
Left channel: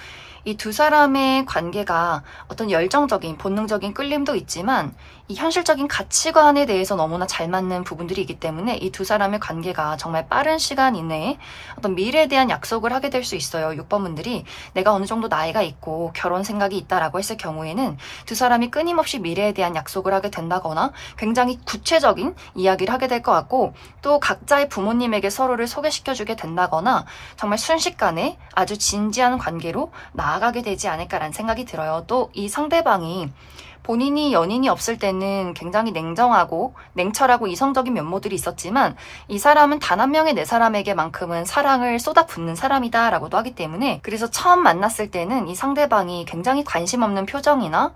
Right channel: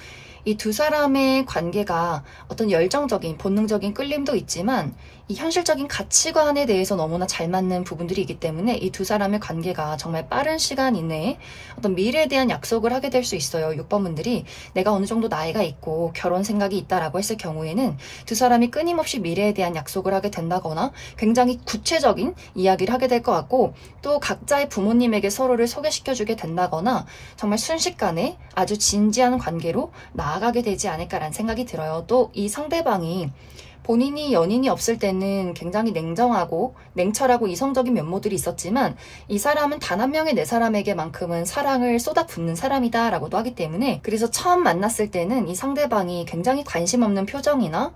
이 두 사람의 관계가 어떤 열정적인, 본능적인 끌림도 있지만 이 현실적인 가치관에 대해서 너무나 잘 맞는 부분들이 있기 때문에 이 두 사람의 관계가 정말 빠른 시간 이내에 어떤 미래에 대한 약속을 하게 될 수 있어요. 6번 분들이 내가 어느 정도 나이가 있고 결혼 생각이 있다라고 했을 경우에는 두 사람이 끊임없이 미래에 대한 약속을 하게 된다거나 굉장히 구체적인 이야기를 하게 될 것 같고 또 각자의 부모님에게 서로를 소개시켜주게 된다거나 정말 순식간에 아주 진지한 관계로 나아가게 되지 않을까라는 생각이 들어요. 또 이 상대방이 본인이 연인이 없을 때는 굉장히 냉정하고 냉철하고 이성적인 면모들이 있었지만 이 사람은 단 한 명의 내 사람에게만큼은 사랑을 쏟아붓는 사람이다 라고도 하기 때문에 그래서 처음 만났을 때는 이 상대방이 굉장히 관심 없는 표정이나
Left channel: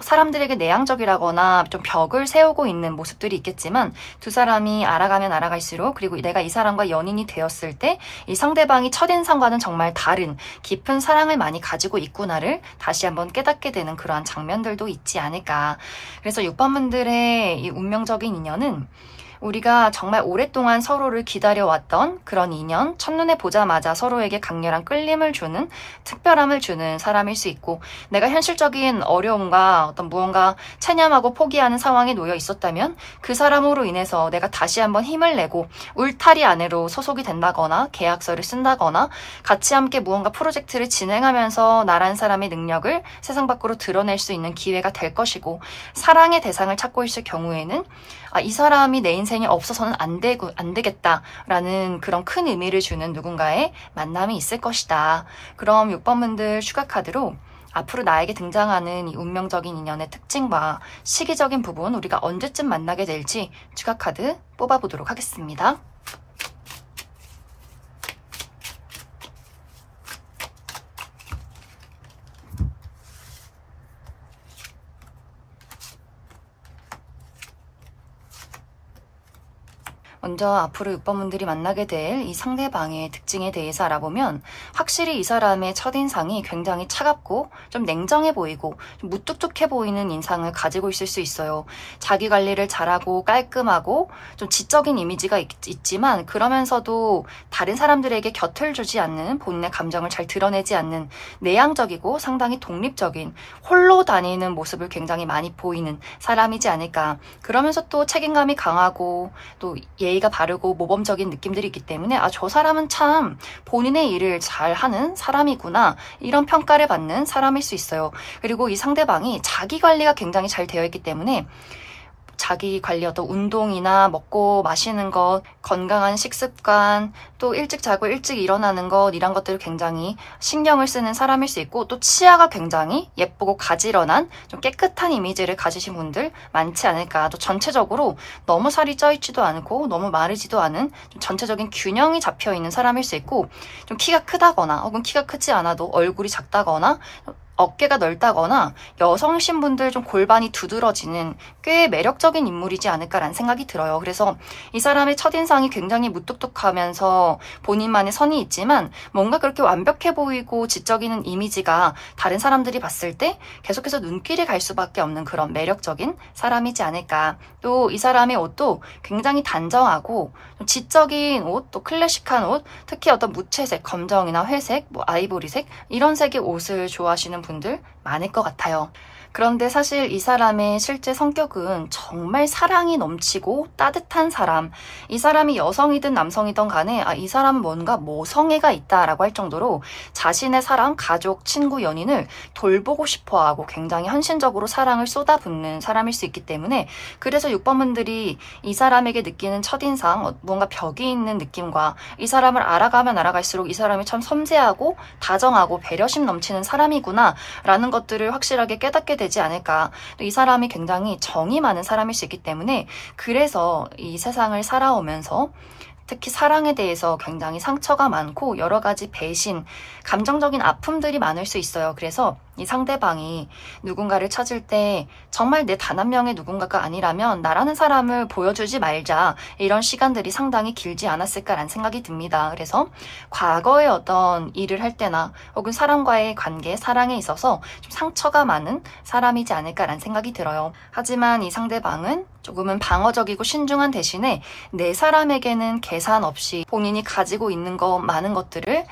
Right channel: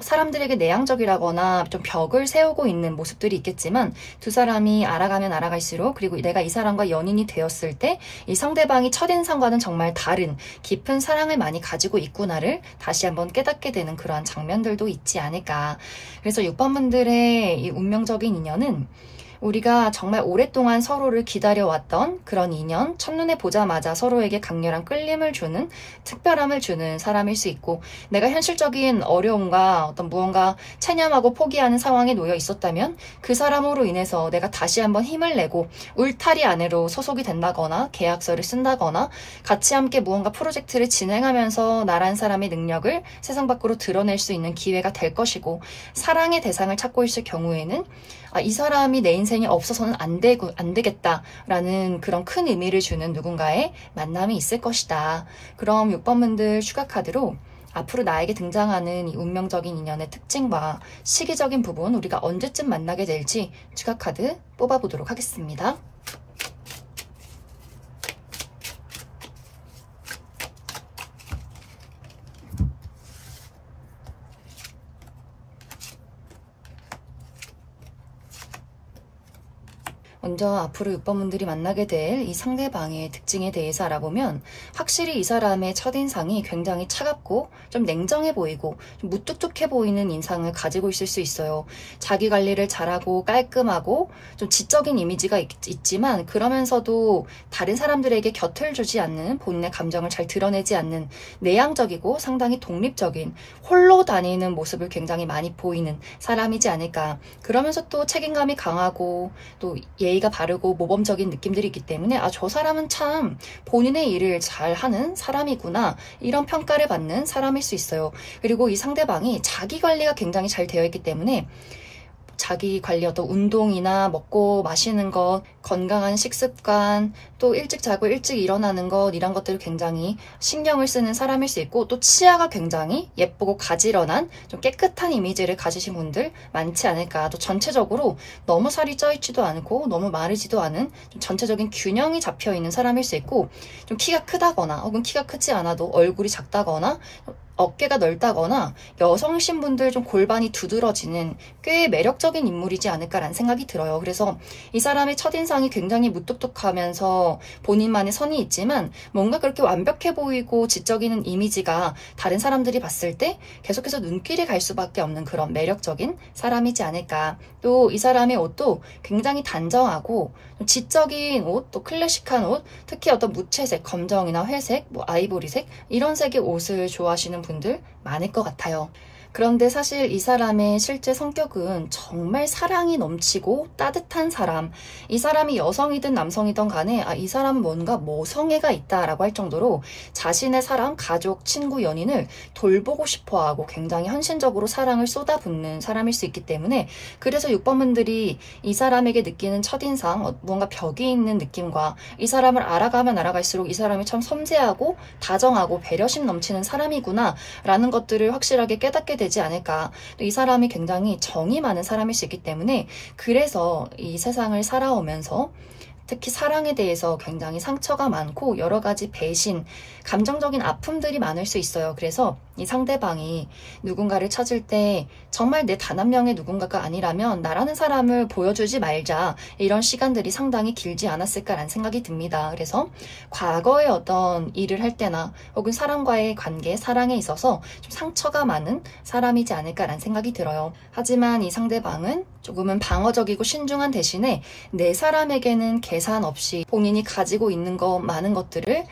사람들에게 내향적이라거나 좀 벽을 세우고 있는 모습들이 있겠지만 두 사람이 알아가면 알아갈수록 그리고 내가 이 사람과 연인이 되었을 때 이 상대방이 첫인상과는 정말 다른 깊은 사랑을 많이 가지고 있구나를 다시 한번 깨닫게 되는 그러한 장면들도 있지 않을까. 그래서 6번 분들의 이 운명적인 인연은 우리가 정말 오랫동안 서로를 기다려왔던 그런 인연, 첫눈에 보자마자 서로에게 강렬한 끌림을 주는, 특별함을 주는 사람일 수 있고 내가 현실적인 어려움과 어떤 무언가 체념하고 포기하는 상황에 놓여 있었다면 그 사람으로 인해서 내가 다시 한번 힘을 내고 울타리 안으로 소속이 된다거나 계약서를 쓴다거나 같이 함께 무언가 프로젝트를 진행하면서 나란 사람의 능력을 세상 밖으로 드러낼 수 있는 기회가 될 것이고 사랑의 대상을 찾고 있을 경우에는 이 사람이 내 인생에 없어서는 안 되겠다라는 그런 큰 의미를 주는 누군가의 만남이 있을 것이다. 그럼 6번 분들 추가 카드로 앞으로 나에게 등장하는 이 운명적인 인연의 특징과 시기적인 부분 우리가 언제쯤 만나게 될지 추가 카드 뽑아보도록 하겠습니다. 먼저 앞으로 6번 분들이 만나게 될 이 상대방의 특징에 대해서 알아보면 확실히 이 사람의 첫인상이 굉장히 차갑고 좀 냉정해 보이고 좀 무뚝뚝해 보이는 인상을 가지고 있을 수 있어요. 자기 관리를 잘하고 깔끔하고 좀 지적인 이미지가 있지만 그러면서도 다른 사람들에게 곁을 주지 않는 본인의 감정을 잘 드러내지 않는 내향적이고 상당히 독립적인 홀로 다니는 모습을 굉장히 많이 보이는 사람이지 않을까. 그러면서 또 책임감이 강하고 또 예의가 바르고 모범적인 느낌들이 있기 때문에 저 사람은 참 본인의 일을 잘하는 사람이구나 이런 평가를 받는 사람일 수 있어요. 그리고 이 상대방이 자기 관리가 굉장히 잘 되어 있기 때문에 자기 관리 어떤 운동이나 먹고 마시는 것, 건강한 식습관, 또 일찍 자고 일찍 일어나는 것 이런 것들을 굉장히 신경을 쓰는 사람일 수 있고 또 치아가 굉장히 예쁘고 가지런한 좀 깨끗한 이미지를 가지신 분들 많지 않을까. 또 전체적으로 너무 살이 쪄있지도 않고 너무 마르지도 않은 좀 전체적인 균형이 잡혀있는 사람일 수 있고 좀 키가 크다거나 혹은 키가 크지 않아도 얼굴이 작다거나 어깨가 넓다거나 여성 신분들 좀 골반이 두드러지는 꽤 매력적인 인물이지 않을까라는 생각이 들어요. 그래서 이 사람의 첫인상이 굉장히 무뚝뚝하면서 본인만의 선이 있지만 뭔가 그렇게 완벽해 보이고 지적인 이미지가 다른 사람들이 봤을 때 계속해서 눈길이 갈 수밖에 없는 그런 매력적인 사람이지 않을까. 또 이 사람의 옷도 굉장히 단정하고 지적인 옷, 또 클래식한 옷, 특히 어떤 무채색, 검정이나 회색, 아이보리색 이런 색의 옷을 좋아하시는 분들 많을 것 같아요. 그런데 사실 이 사람의 실제 성격은 정말 사랑이 넘치고 따뜻한 사람, 이 사람이 여성이든 남성이든 간에 이 사람은 뭔가 모성애가 있다라고 할 정도로 자신의 사람, 가족, 친구, 연인을 돌보고 싶어하고 굉장히 헌신적으로 사랑을 쏟아붓는 사람일 수 있기 때문에, 그래서 6번 분들이 이 사람에게 느끼는 첫인상, 뭔가 벽이 있는 느낌과 이 사람을 알아가면 알아갈수록 이 사람이 참 섬세하고 다정하고 배려심 넘치는 사람이구나 라는 것들을 확실하게 깨닫게 되지 않을까. 또 이 사람이 굉장히 정이 많은 사람일 수 있기 때문에, 그래서 이 세상을 살아오면서 특히 사랑에 대해서 굉장히 상처가 많고 여러 가지 배신, 감정적인 아픔들이 많을 수 있어요. 그래서 이 상대방이 누군가를 찾을 때 정말 내 단 한 명의 누군가가 아니라면 나라는 사람을 보여주지 말자, 이런 시간들이 상당히 길지 않았을까라는 생각이 듭니다. 그래서 과거에 어떤 일을 할 때나 혹은 사람과의 관계, 사랑에 있어서 좀 상처가 많은 사람이지 않을까라는 생각이 들어요. 하지만 이 상대방은 조금은 방어적이고 신중한 대신에 내 사람에게는 계산 없이 본인이 가지고 있는 많은 것들을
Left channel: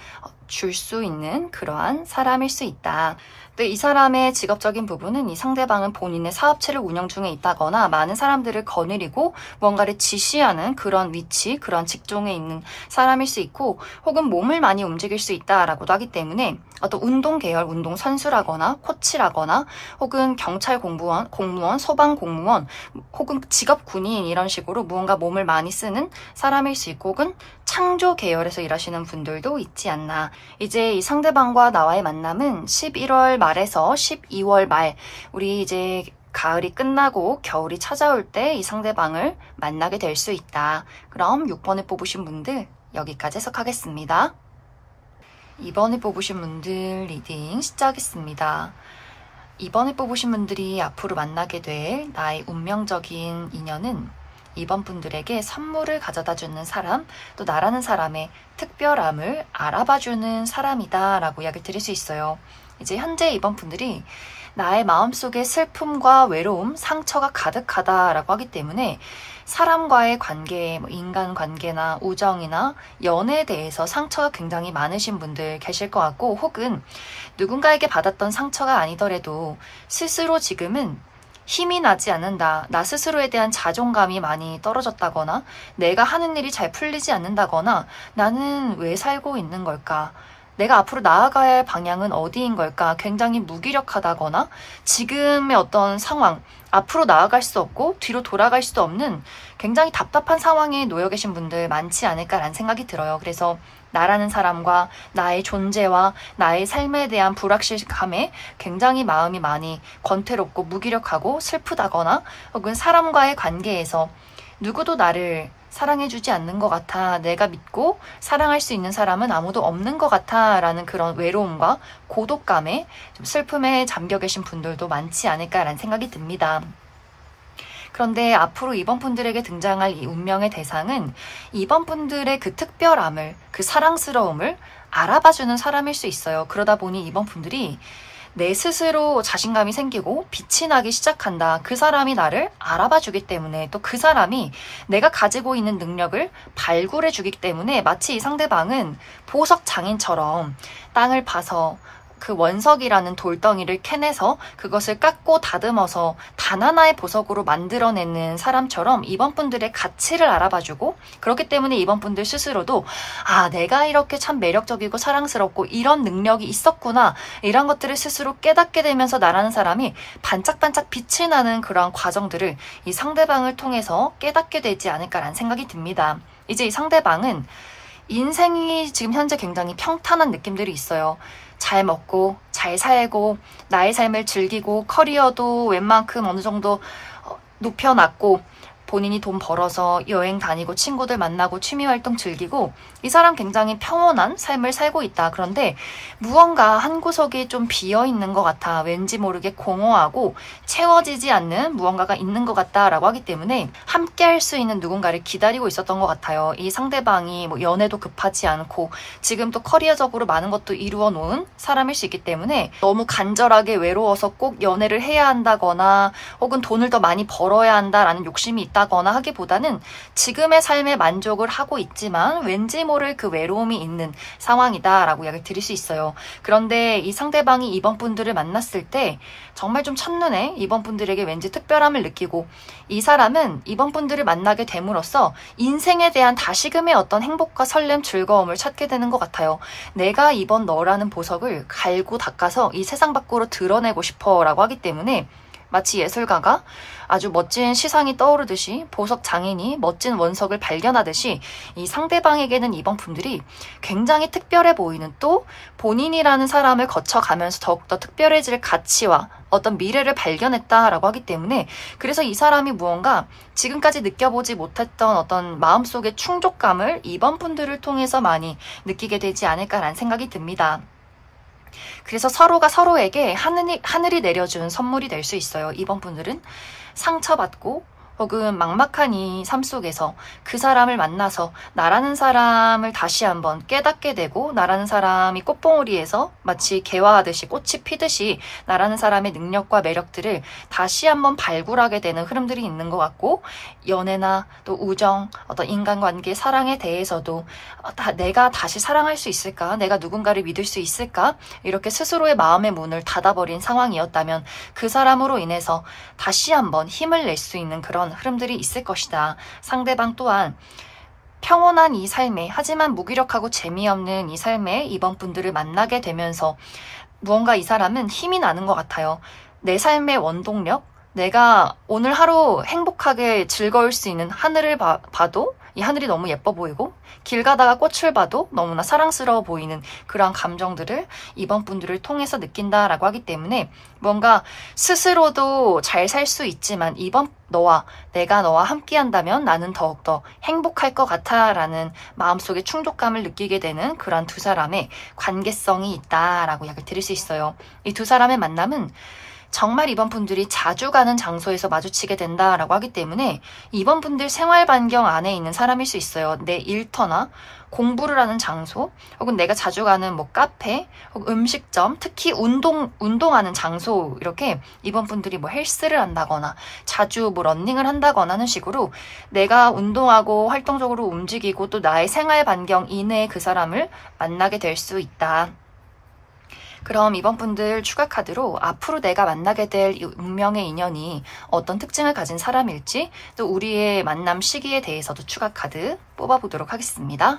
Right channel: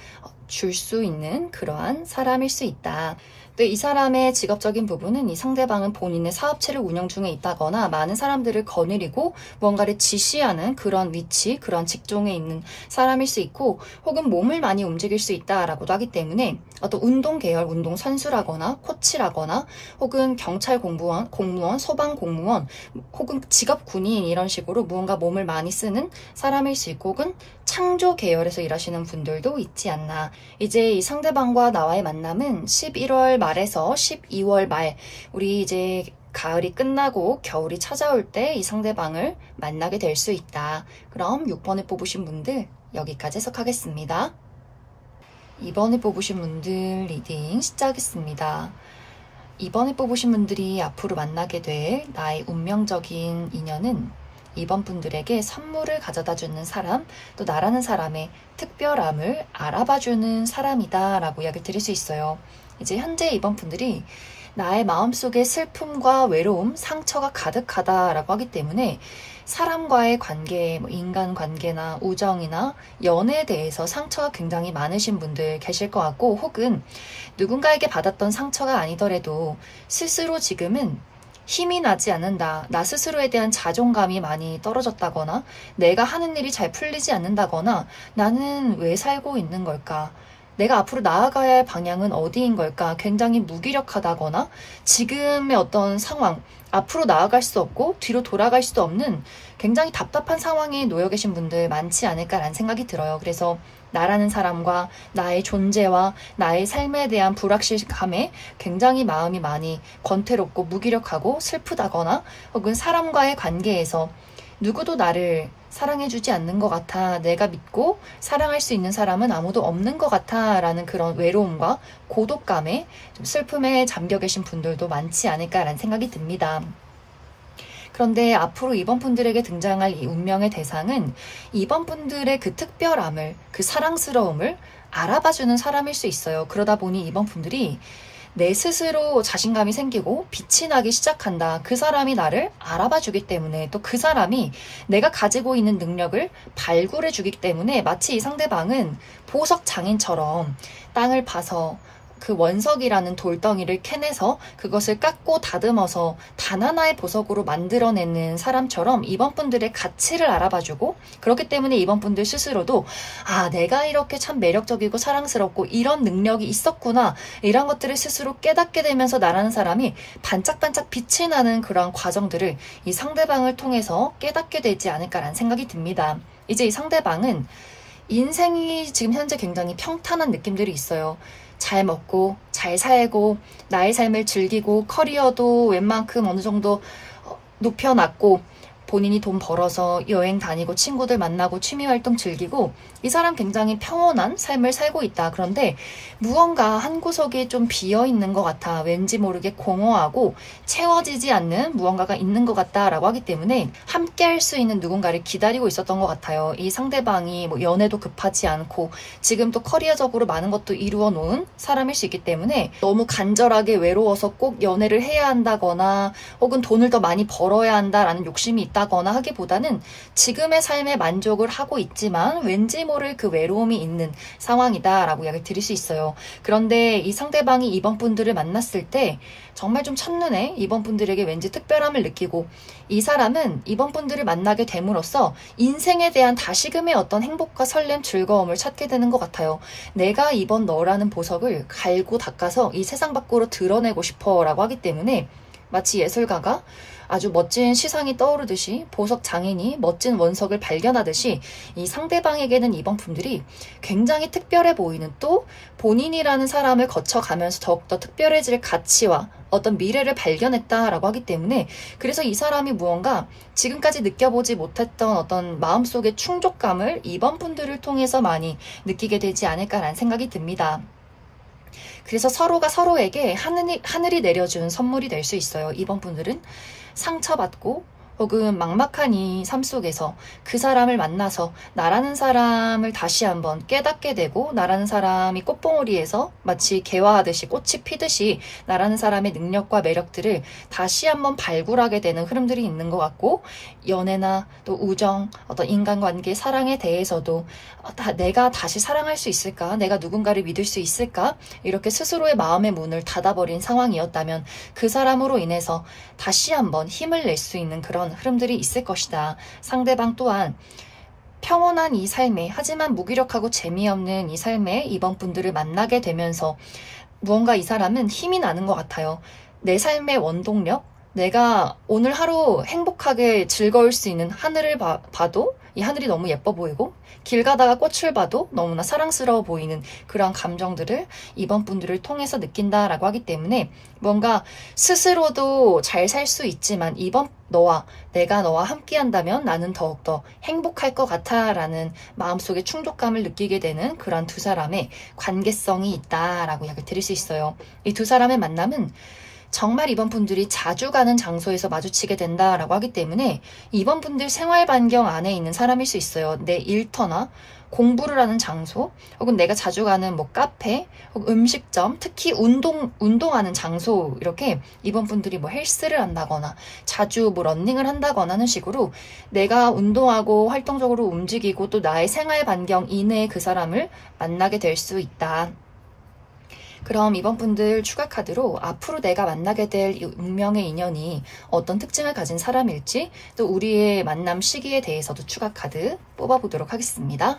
줄 수 있는 그러한 사람일 수 있다. 또 이 사람의 직업적인 부분은 이 상대방은 본인의 사업체를 운영 중에 있다거나 많은 사람들을 거느리고 뭔가를 지시하는 그런 위치, 그런 직종에 있는 사람일 수 있고, 혹은 몸을 많이 움직일 수 있다라고도 하기 때문에 어떤 운동 계열, 운동 선수라거나 코치라거나 혹은 경찰 공무원, 소방 공무원, 혹은 직업 군인, 이런 식으로 무언가 몸을 많이 쓰는 사람일 수 있고, 혹은 창조 계열에서 일하시는 분들도 있지 않나. 이제 이 상대방과 나와의 만남은 11월 말에서 12월 말, 우리 이제 가을이 끝나고 겨울이 찾아올 때 이 상대방을 만나게 될 수 있다. 그럼 6번을 뽑으신 분들 여기까지 해석하겠습니다. 2번을 뽑으신 분들 리딩 시작하겠습니다. 2번을 뽑으신 분들이 앞으로 만나게 될 나의 운명적인 인연은 2번 분들에게 선물을 가져다 주는 사람, 또 나라는 사람의 특별함을 알아봐주는 사람이다 라고 이야기를 드릴 수 있어요. 이제 현재 2번 분들이 나의 마음속에 슬픔과 외로움, 상처가 가득하다라고 하기 때문에 사람과의 관계, 인간관계나 우정이나 연애에 대해서 상처가 굉장히 많으신 분들 계실 것 같고, 혹은 누군가에게 받았던 상처가 아니더라도 스스로 지금은 힘이 나지 않는다, 나 스스로에 대한 자존감이 많이 떨어졌다거나 내가 하는 일이 잘 풀리지 않는다거나 나는 왜 살고 있는 걸까? 내가 앞으로 나아가야 할 방향은 어디인 걸까? 굉장히 무기력하다거나 지금의 어떤 상황, 앞으로 나아갈 수 없고 뒤로 돌아갈 수도 없는 굉장히 답답한 상황에 놓여 계신 분들 많지 않을까라는 생각이 들어요. 그래서 나라는 사람과 나의 존재와 나의 삶에 대한 불확실감에 굉장히 마음이 많이 권태롭고 무기력하고 슬프다거나, 혹은 사람과의 관계에서 누구도 나를 사랑해주지 않는 것 같아, 내가 믿고 사랑할 수 있는 사람은 아무도 없는 것 같아 라는 그런 외로움과 고독감에, 좀 슬픔에 잠겨 계신 분들도 많지 않을까라는 생각이 듭니다. 그런데 앞으로 2번 분들에게 등장할 이 운명의 대상은 2번 분들의 그 특별함을, 그 사랑스러움을 알아봐주는 사람일 수 있어요. 그러다 보니 2번 분들이 내 스스로 자신감이 생기고 빛이 나기 시작한다. 그 사람이 나를 알아봐 주기 때문에, 또 그 사람이 내가 가지고 있는 능력을 발굴해 주기 때문에 마치 이 상대방은 보석 장인처럼 땅을 파서 그 원석이라는 돌덩이를 캐내서 그것을 깎고 다듬어서 단 하나의 보석으로 만들어내는 사람처럼 2번 분들의 가치를 알아봐주고, 그렇기 때문에 2번 분들 스스로도 내가 이렇게 참 매력적이고 사랑스럽고 이런 능력이 있었구나, 이런 것들을 스스로 깨닫게 되면서 나라는 사람이 반짝반짝 빛이 나는 그런 과정들을 이 상대방을 통해서 깨닫게 되지 않을까라는 생각이 듭니다. 이제 이 상대방은 인생이 지금 현재 굉장히 평탄한 느낌들이 있어요. 잘 먹고 잘 살고 나의 삶을 즐기고 커리어도 웬만큼 어느 정도 높여놨고 본인이 돈 벌어서 여행 다니고 친구들 만나고 취미활동 즐기고 이 사람 굉장히 평온한 삶을 살고 있다. 그런데 무언가 한 구석이 좀 비어있는 것 같아. 왠지 모르게 공허하고 채워지지 않는 무언가가 있는 것 같다라고 하기 때문에 함께 할 수 있는 누군가를 기다리고 있었던 것 같아요. 이 상대방이 연애도 급하지 않고 지금 또 커리어적으로 많은 것도 이루어 놓은 사람일 수 있기 때문에 너무 간절하게 외로워서 꼭 연애를 해야 한다거나 혹은 돈을 더 많이 벌어야 한다라는 욕심이 있다 있다거나 하기보다는 지금의 삶에 만족을 하고 있지만 왠지 모를 그 외로움이 있는 상황이다라고 이야기를 드릴 수 있어요. 그런데 이 상대방이 이번 분들을 만났을 때 정말 좀 첫눈에 이번 분들에게 왠지 특별함을 느끼고 이 사람은 이번 분들을 만나게 됨으로써 인생에 대한 다시금의 어떤 행복과 설렘, 즐거움을 찾게 되는 것 같아요. 내가 이번 너라는 보석을 갈고 닦아서 이 세상 밖으로 드러내고 싶어 라고 하기 때문에 마치 예술가가 아주 멋진 시상이 떠오르듯이 보석 장인이 멋진 원석을 발견하듯이 이 상대방에게는 이번 분들이 굉장히 특별해 보이는, 또 본인이라는 사람을 거쳐가면서 더욱더 특별해질 가치와 어떤 미래를 발견했다라고 하기 때문에, 그래서 이 사람이 무언가 지금까지 느껴보지 못했던 어떤 마음속의 충족감을 이번 분들을 통해서 많이 느끼게 되지 않을까라는 생각이 듭니다. 그래서 서로가 서로에게 하늘이 내려준 선물이 될 수 있어요. 이번 분들은 상처받고 혹은 막막한 이 삶 속에서 그 사람을 만나서 나라는 사람을 다시 한번 깨닫게 되고, 나라는 사람이 꽃봉오리에서 마치 개화하듯이 꽃이 피듯이 나라는 사람의 능력과 매력들을 다시 한번 발굴하게 되는 흐름들이 있는 것 같고, 연애나 또 우정, 어떤 인간관계, 사랑에 대해서도 내가 다시 사랑할 수 있을까? 내가 누군가를 믿을 수 있을까? 이렇게 스스로의 마음의 문을 닫아버린 상황이었다면 그 사람으로 인해서 다시 한번 힘을 낼 수 있는 그런 흐름들이 있을 것이다. 상대방 또한 평온한 이 삶에, 하지만 무기력하고 재미없는 이 삶에 이번 분들을 만나게 되면서 무언가 이 사람은 힘이 나는 것 같아요. 내 삶의 원동력, 내가 오늘 하루 행복하게 즐거울 수 있는 하늘을 봐도 이 하늘이 너무 예뻐 보이고, 길 가다가 꽃을 봐도 너무나 사랑스러워 보이는 그러한 감정들을 이번 분들을 통해서 느낀다라고 하기 때문에, 뭔가 스스로도 잘 살 수 있지만 이번 내가 너와 함께 한다면 나는 더욱더 행복할 것 같아 라는 마음속에 충족감을 느끼게 되는 그런 두 사람의 관계성이 있다라고 이야기를 드릴 수 있어요. 이 두 사람의 만남은 정말 이번 분들이 자주 가는 장소에서 마주치게 된다라고 하기 때문에 이번 분들 생활 반경 안에 있는 사람일 수 있어요. 내 일터나 공부를 하는 장소, 혹은 내가 자주 가는 뭐 카페, 혹은 음식점, 특히 운동하는 장소, 이렇게 이번 분들이 뭐 헬스를 한다거나 자주 뭐 러닝을 한다거나 하는 식으로 내가 운동하고 활동적으로 움직이고 또 나의 생활 반경 이내에 그 사람을 만나게 될 수 있다. 그럼 이번 분들 추가 카드로 앞으로 내가 만나게 될 이 운명의 인연이 어떤 특징을 가진 사람일지, 또 우리의 만남 시기에 대해서도 추가 카드 뽑아보도록 하겠습니다.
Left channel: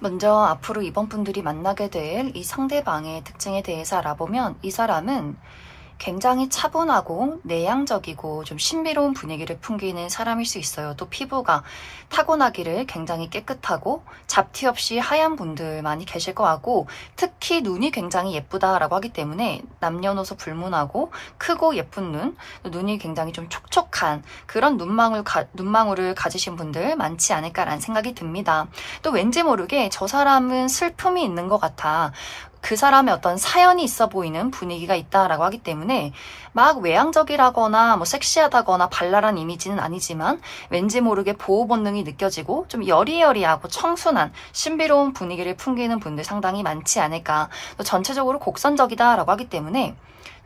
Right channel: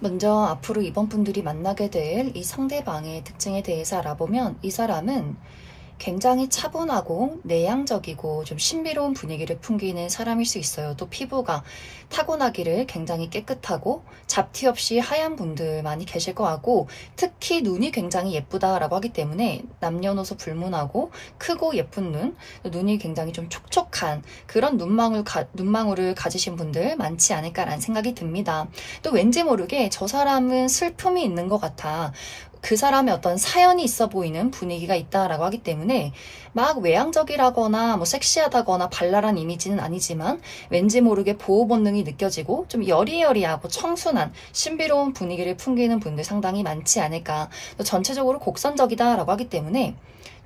먼저 앞으로 이번 분들이 만나게 될 이 상대방의 특징에 대해서 알아보면, 이 사람은 굉장히 차분하고 내향적이고 좀 신비로운 분위기를 풍기는 사람일 수 있어요. 또 피부가 타고나기를 굉장히 깨끗하고 잡티 없이 하얀 분들 많이 계실 것 같고, 특히 눈이 굉장히 예쁘다라고 하기 때문에 남녀노소 불문하고 크고 예쁜 눈이 굉장히 좀 촉촉한 그런 눈망울을 가지신 분들 많지 않을까라는 생각이 듭니다. 또 왠지 모르게 저 사람은 슬픔이 있는 것 같아, 그 사람의 어떤 사연이 있어 보이는 분위기가 있다라고 하기 때문에 막 외향적이라거나 뭐 섹시하다거나 발랄한 이미지는 아니지만 왠지 모르게 보호 본능이 느껴지고 좀 여리여리하고 청순한 신비로운 분위기를 풍기는 분들 상당히 많지 않을까. 또 전체적으로 곡선적이다라고 하기 때문에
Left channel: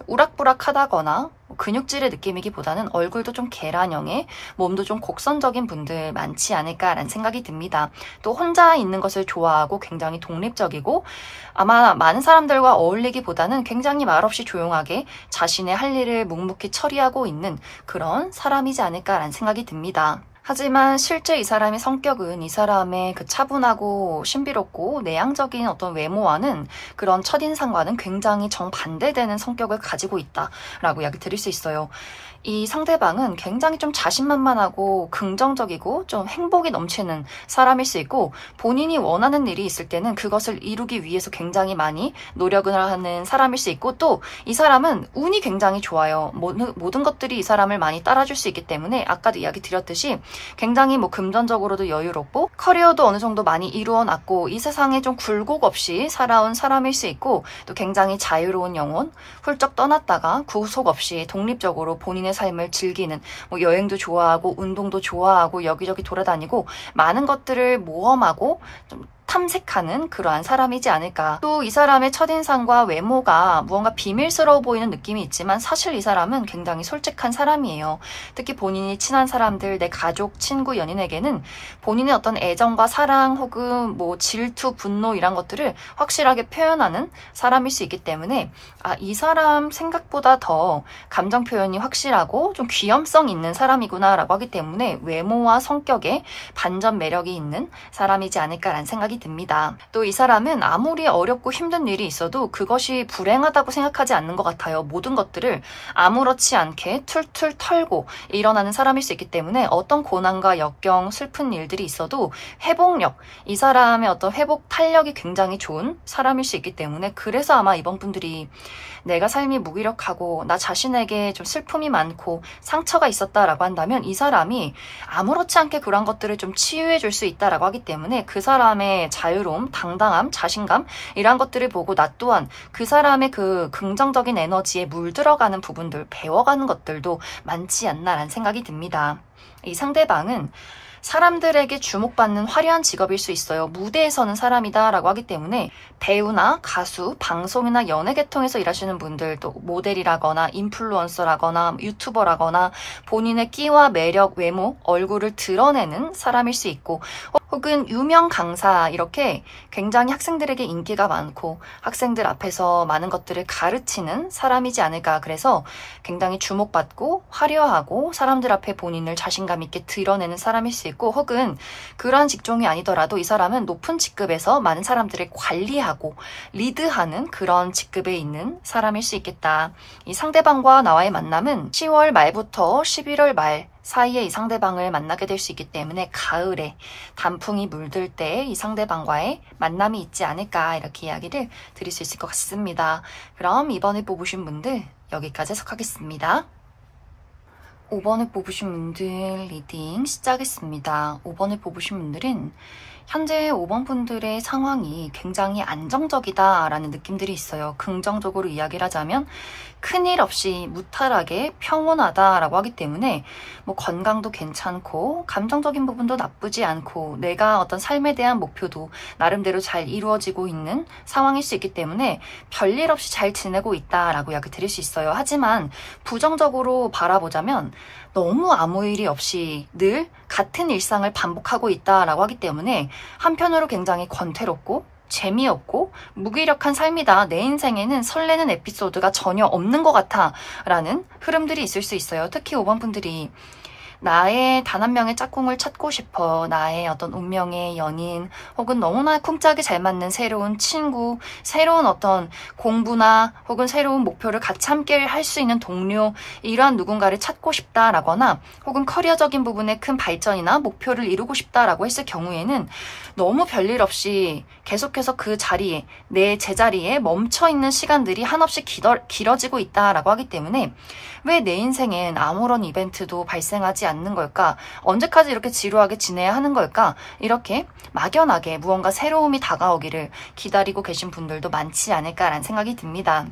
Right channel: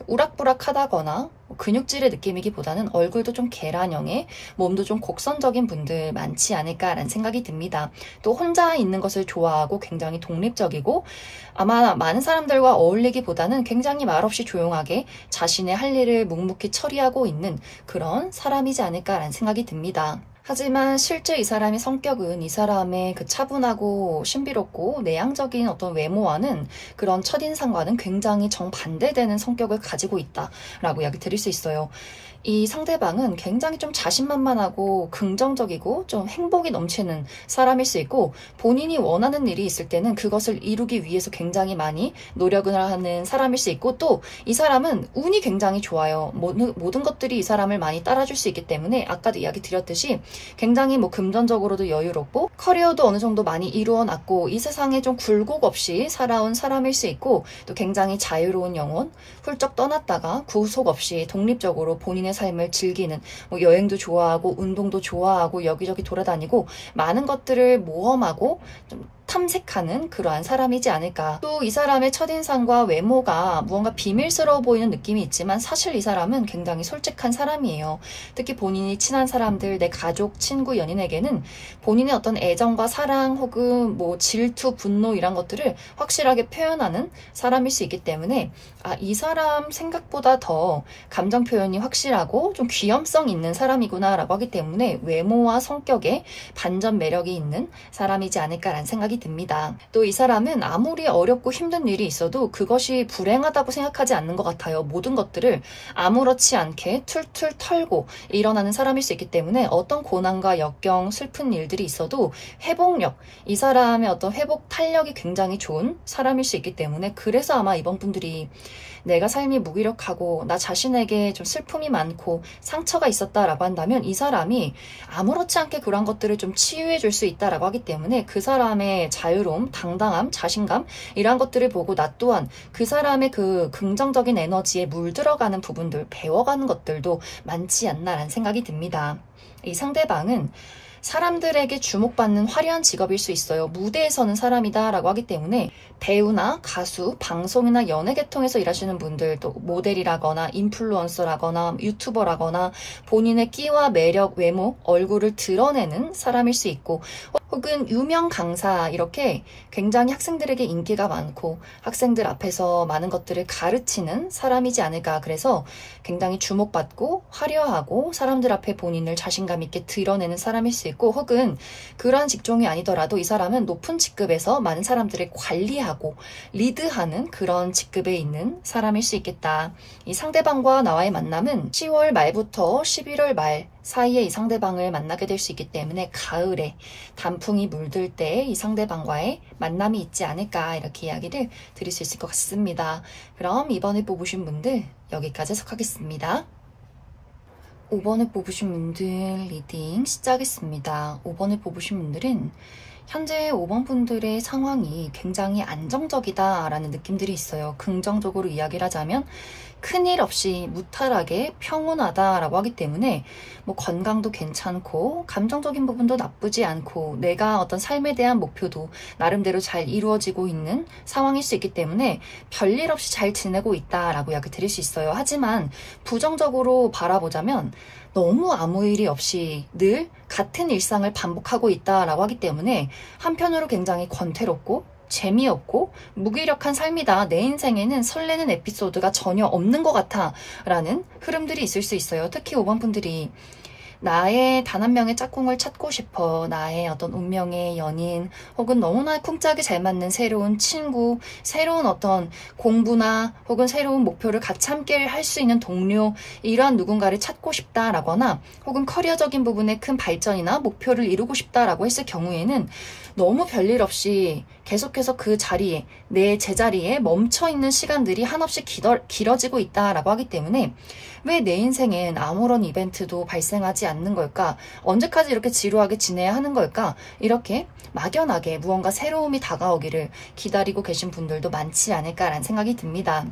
우락부락하다거나 근육질의 느낌이기보다는 얼굴도 좀 계란형의, 몸도 좀 곡선적인 분들 많지 않을까라는 생각이 듭니다. 또 혼자 있는 것을 좋아하고 굉장히 독립적이고, 아마 많은 사람들과 어울리기보다는 굉장히 말없이 조용하게 자신의 할 일을 묵묵히 처리하고 있는 그런 사람이지 않을까라는 생각이 듭니다. 하지만 실제 이 사람의 성격은 이 사람의 그 차분하고 신비롭고 내향적인 어떤 외모와는, 그런 첫인상과는 굉장히 정반대되는 성격을 가지고 있다라고 이야기 드릴 수 있어요. 이 상대방은 굉장히 좀 자신만만하고 긍정적이고 좀 행복이 넘치는 사람일 수 있고, 본인이 원하는 일이 있을 때는 그것을 이루기 위해서 굉장히 많이 노력을 하는 사람일 수 있고, 또 이 사람은 운이 굉장히 좋아요. 모든 것들이 이 사람을 많이 따라줄 수 있기 때문에 아까도 이야기 드렸듯이 굉장히 뭐 금전적으로도 여유롭고 커리어도 어느 정도 많이 이루어놨고 이 세상에 좀 굴곡 없이 살아온 사람일 수 있고 또 굉장히 자유로운 영혼, 훌쩍 떠났다가 구속 없이 독립적으로 본인의 삶을 즐기는 뭐 여행도 좋아하고 운동도 좋아하고 여기저기 돌아다니고 많은 것들을 모험하고 좀 탐색하는 그러한 사람이지 않을까. 또 이 사람의 첫인상과 외모가 무언가 비밀스러워 보이는 느낌이 있지만 사실 이 사람은 굉장히 솔직한 사람이에요. 특히 본인이 친한 사람들, 내 가족, 친구, 연인에게는 본인의 어떤 애정과 사랑 혹은 뭐 질투, 분노 이런 것들을 확실하게 표현하는 사람일 수 있기 때문에 이 사람 생각보다 더 감정 표현이 확실하고 좀 귀염성 있는 사람이구나 라고 하기 때문에 외모와 성격에 반전 매력이 있는 사람이지 않을까라는 생각이 듭니다. 또 이 사람은 아무리 어렵고 힘든 일이 있어도 그것이 불행하다고 생각하지 않는 것 같아요. 모든 것들을 아무렇지 않게 툴툴 털고 일어나는 사람일 수 있기 때문에 어떤 고난과 역경, 슬픈 일들이 있어도 회복력, 이 사람의 어떤 회복 탄력이 굉장히 좋은 사람일 수 있기 때문에 그래서 아마 이번 분들이 내가 삶이 무기력하고 나 자신에게 좀 슬픔이 많고 상처가 있었다라고 한다면 이 사람이 아무렇지 않게 그런 것들을 좀 치유해 줄 수 있다라고 하기 때문에 그 사람의 자유로움, 당당함, 자신감 이런 것들을 보고 나 또한 그 사람의 그 긍정적인 에너지에 물들어가는 부분들, 배워가는 것들도 많지 않나라는 생각이 듭니다. 이 상대방은 사람들에게 주목받는 화려한 직업일 수 있어요. 무대에 서는 사람이다 라고 하기 때문에 배우나 가수, 방송이나 연예 계통에서 일하시는 분들, 또 모델이라거나 인플루언서라거나 유튜버라거나 본인의 끼와 매력, 외모, 얼굴을 드러내는 사람일 수 있고 혹은 유명 강사 이렇게 굉장히 학생들에게 인기가 많고 학생들 앞에서 많은 것들을 가르치는 사람이지 않을까. 그래서 굉장히 주목받고 화려하고 사람들 앞에 본인을 자신감 있게 드러내는 사람일 수 있고 혹은 그러한 직종이 아니더라도 이 사람은 높은 직급에서 많은 사람들을 관리하고 리드하는 그런 직급에 있는 사람일 수 있겠다. 이 상대방과 나와의 만남은 10월 말부터 11월 말 사이에 이 상대방을 만나게 될 수 있기 때문에 가을에 단풍이 물들 때 이 상대방과의 만남이 있지 않을까 이렇게 이야기를 드릴 수 있을 것 같습니다. 그럼 이번에 뽑으신 분들 여기까지 해석하겠습니다. 5번을 뽑으신 분들 리딩 시작했습니다. 5번을 뽑으신 분들은 현재 5번 분들의 상황이 굉장히 안정적이다라는 느낌들이 있어요. 긍정적으로 이야기를 하자면 큰일 없이 무탈하게 평온하다라고 하기 때문에 뭐 건강도 괜찮고 감정적인 부분도 나쁘지 않고 내가 어떤 삶에 대한 목표도 나름대로 잘 이루어지고 있는 상황일 수 있기 때문에 별일 없이 잘 지내고 있다라고 이야기 드릴 수 있어요. 하지만 부정적으로 바라보자면 너무 아무 일이 없이 늘 같은 일상을 반복하고 있다라고 하기 때문에 한편으로 굉장히 권태롭고 재미없고 무기력한 삶이다. 내 인생에는 설레는 에피소드가 전혀 없는 것 같아 라는 흐름들이 있을 수 있어요. 특히 5번 분들이 나의 단 한 명의 짝꿍을 찾고 싶어. 나의 어떤 운명의 연인 혹은 너무나 쿵짝이 잘 맞는 새로운 친구, 새로운 어떤 공부나 혹은 새로운 목표를 같이 함께 할 수 있는 동료, 이러한 누군가를 찾고 싶다라거나 혹은 커리어적인 부분에 큰 발전이나 목표를 이루고 싶다라고 했을 경우에는 너무 별일 없이 계속해서 그 자리에, 내 제자리에 멈춰있는 시간들이 한없이 길어지고 있다라고 하기 때문에 왜 내 인생엔 아무런 이벤트도 발생하지 않는 걸까? 언제까지 이렇게 지루하게 지내야 하는 걸까? 이렇게 막연하게 무언가 새로움이 다가오기를 기다리고 계신 분들도 많지 않을까라는 생각이 듭니다.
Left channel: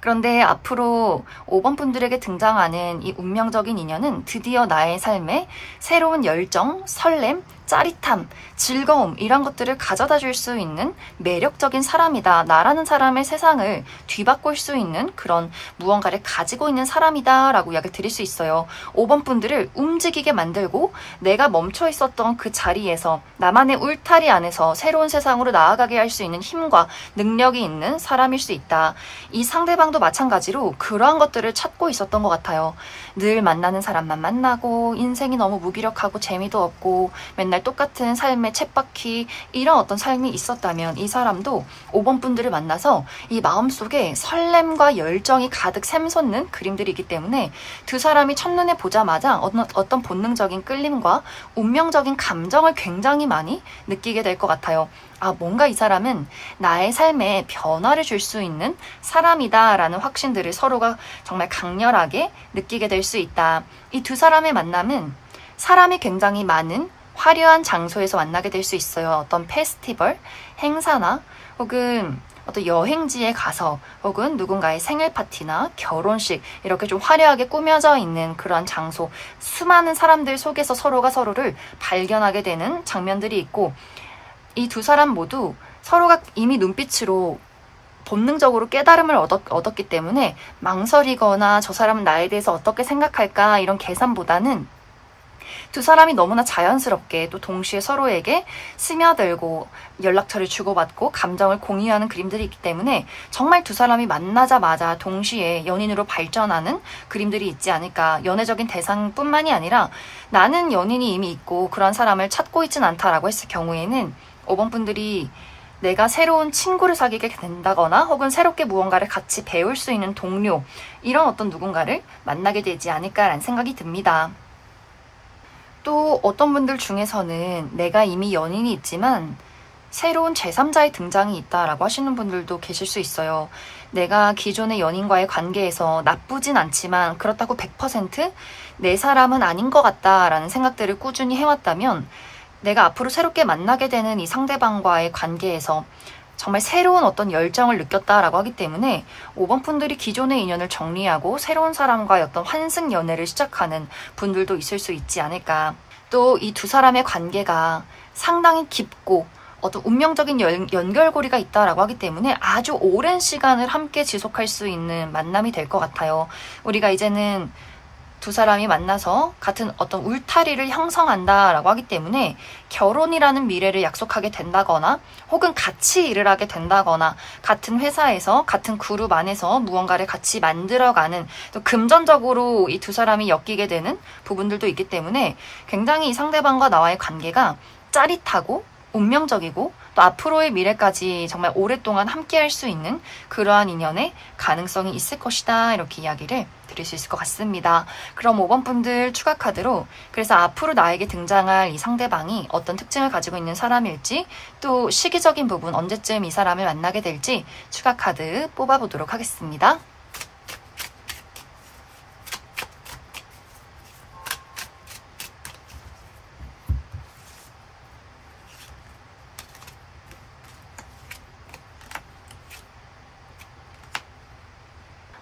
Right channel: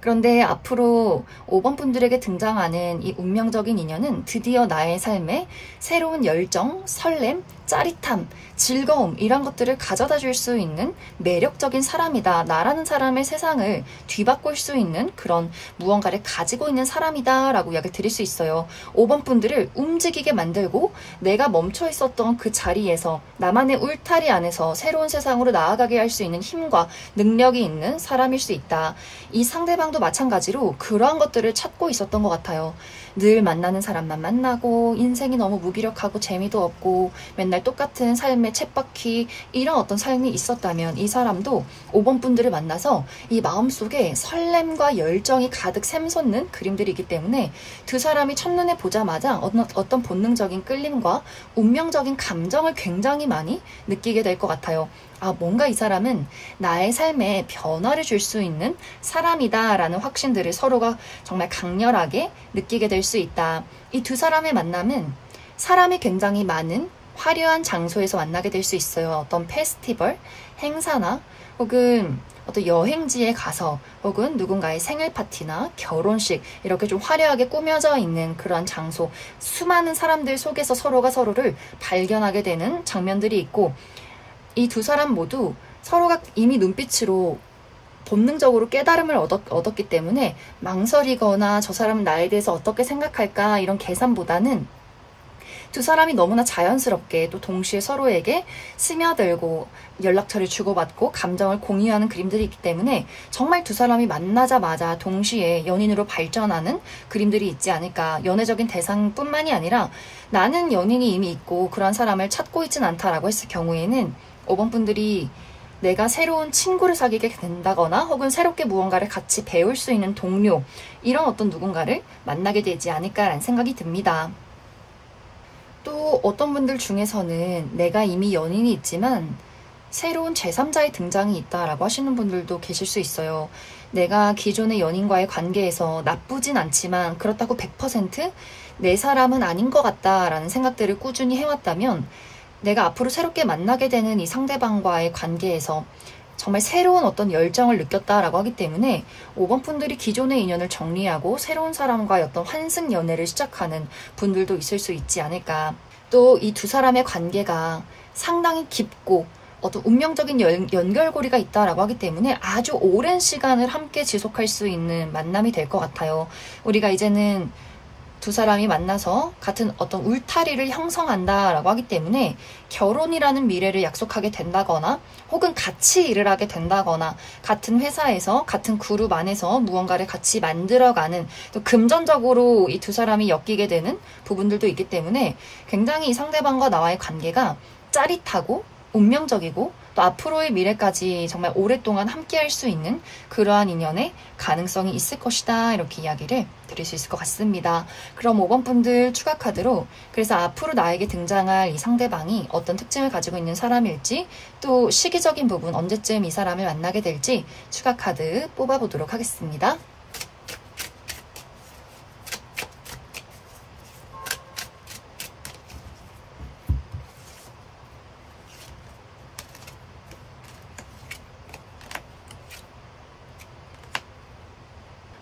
그런데 앞으로 5번 분들에게 등장하는 이 운명적인 인연은 드디어 나의 삶에 새로운 열정, 설렘, 짜릿함, 즐거움 이런 것들을 가져다 줄 수 있는 매력적인 사람이다. 나라는 사람의 세상을 뒤바꿀 수 있는 그런 무언가를 가지고 있는 사람이다 라고 이야기를 드릴 수 있어요. 5번 분들을 움직이게 만들고 내가 멈춰 있었던 그 자리에서 나만의 울타리 안에서 새로운 세상으로 나아가게 할 수 있는 힘과 능력이 있는 사람일 수 있다. 이 상대방도 마찬가지로 그러한 것들을 찾고 있었던 것 같아요. 늘 만나는 사람만 만나고 인생이 너무 무기력하고 재미도 없고 맨날 똑같은 삶의 쳇바퀴 이런 어떤 삶이 있었다면 이 사람도 5번 분들을 만나서 이 마음속에 설렘과 열정이 가득 샘솟는 그림들이기 때문에 두 사람이 첫눈에 보자마자 어떤 본능적인 끌림과 운명적인 감정을 굉장히 많이 느끼게 될 것 같아요. 뭔가 이 사람은 나의 삶에 변화를 줄 수 있는 사람이다 라는 확신들을 서로가 정말 강렬하게 느끼게 될 수 있다. 이 두 사람의 만남은 사람이 굉장히 많은 화려한 장소에서 만나게 될 수 있어요. 어떤 페스티벌, 행사나 혹은 어떤 여행지에 가서 혹은 누군가의 생일 파티나 결혼식 이렇게 좀 화려하게 꾸며져 있는 그런 장소, 수많은 사람들 속에서 서로가 서로를 발견하게 되는 장면들이 있고, 이 두 사람 모두 서로가 이미 눈빛으로 본능적으로 깨달음을 얻었기 때문에 망설이거나 저 사람은 나에 대해서 어떻게 생각할까 이런 계산보다는 두 사람이 너무나 자연스럽게 또 동시에 서로에게 스며들고 연락처를 주고받고 감정을 공유하는 그림들이 있기 때문에 정말 두 사람이 만나자마자 동시에 연인으로 발전하는 그림들이 있지 않을까. 연애적인 대상뿐만이 아니라 나는 연인이 이미 있고 그런 사람을 찾고 있진 않다라고 했을 경우에는 5번 분들이 내가 새로운 친구를 사귀게 된다거나 혹은 새롭게 무언가를 같이 배울 수 있는 동료, 이런 어떤 누군가를 만나게 되지 않을까라는 생각이 듭니다. 또 어떤 분들 중에서는 내가 이미 연인이 있지만 새로운 제3자의 등장이 있다라고 하시는 분들도 계실 수 있어요. 내가 기존의 연인과의 관계에서 나쁘진 않지만 그렇다고 100% 내 사람은 아닌 것 같다라는 생각들을 꾸준히 해왔다면 내가 앞으로 새롭게 만나게 되는 이 상대방과의 관계에서 정말 새로운 어떤 열정을 느꼈다라고 하기 때문에 5번 분들이 기존의 인연을 정리하고 새로운 사람과의 어떤 환승 연애를 시작하는 분들도 있을 수 있지 않을까. 또 이 두 사람의 관계가 상당히 깊고 어떤 운명적인 연결고리가 있다라고 하기 때문에 아주 오랜 시간을 함께 지속할 수 있는 만남이 될 것 같아요. 우리가 이제는 두 사람이 만나서 같은 어떤 울타리를 형성한다라고 하기 때문에 결혼이라는 미래를 약속하게 된다거나 혹은 같이 일을 하게 된다거나 같은 회사에서 같은 그룹 안에서 무언가를 같이 만들어가는, 또 금전적으로 이 두 사람이 엮이게 되는 부분들도 있기 때문에 굉장히 이 상대방과 나와의 관계가 짜릿하고 운명적이고 또 앞으로의 미래까지 정말 오랫동안 함께 할 수 있는 그러한 인연의 가능성이 있을 것이다, 이렇게 이야기를 드릴 수 있을 것 같습니다. 그럼 5번 분들 추가 카드로 그래서 앞으로 나에게 등장할 이 상대방이 어떤 특징을 가지고 있는 사람일지, 또 시기적인 부분 언제쯤 이 사람을 만나게 될지 추가 카드 뽑아보도록 하겠습니다.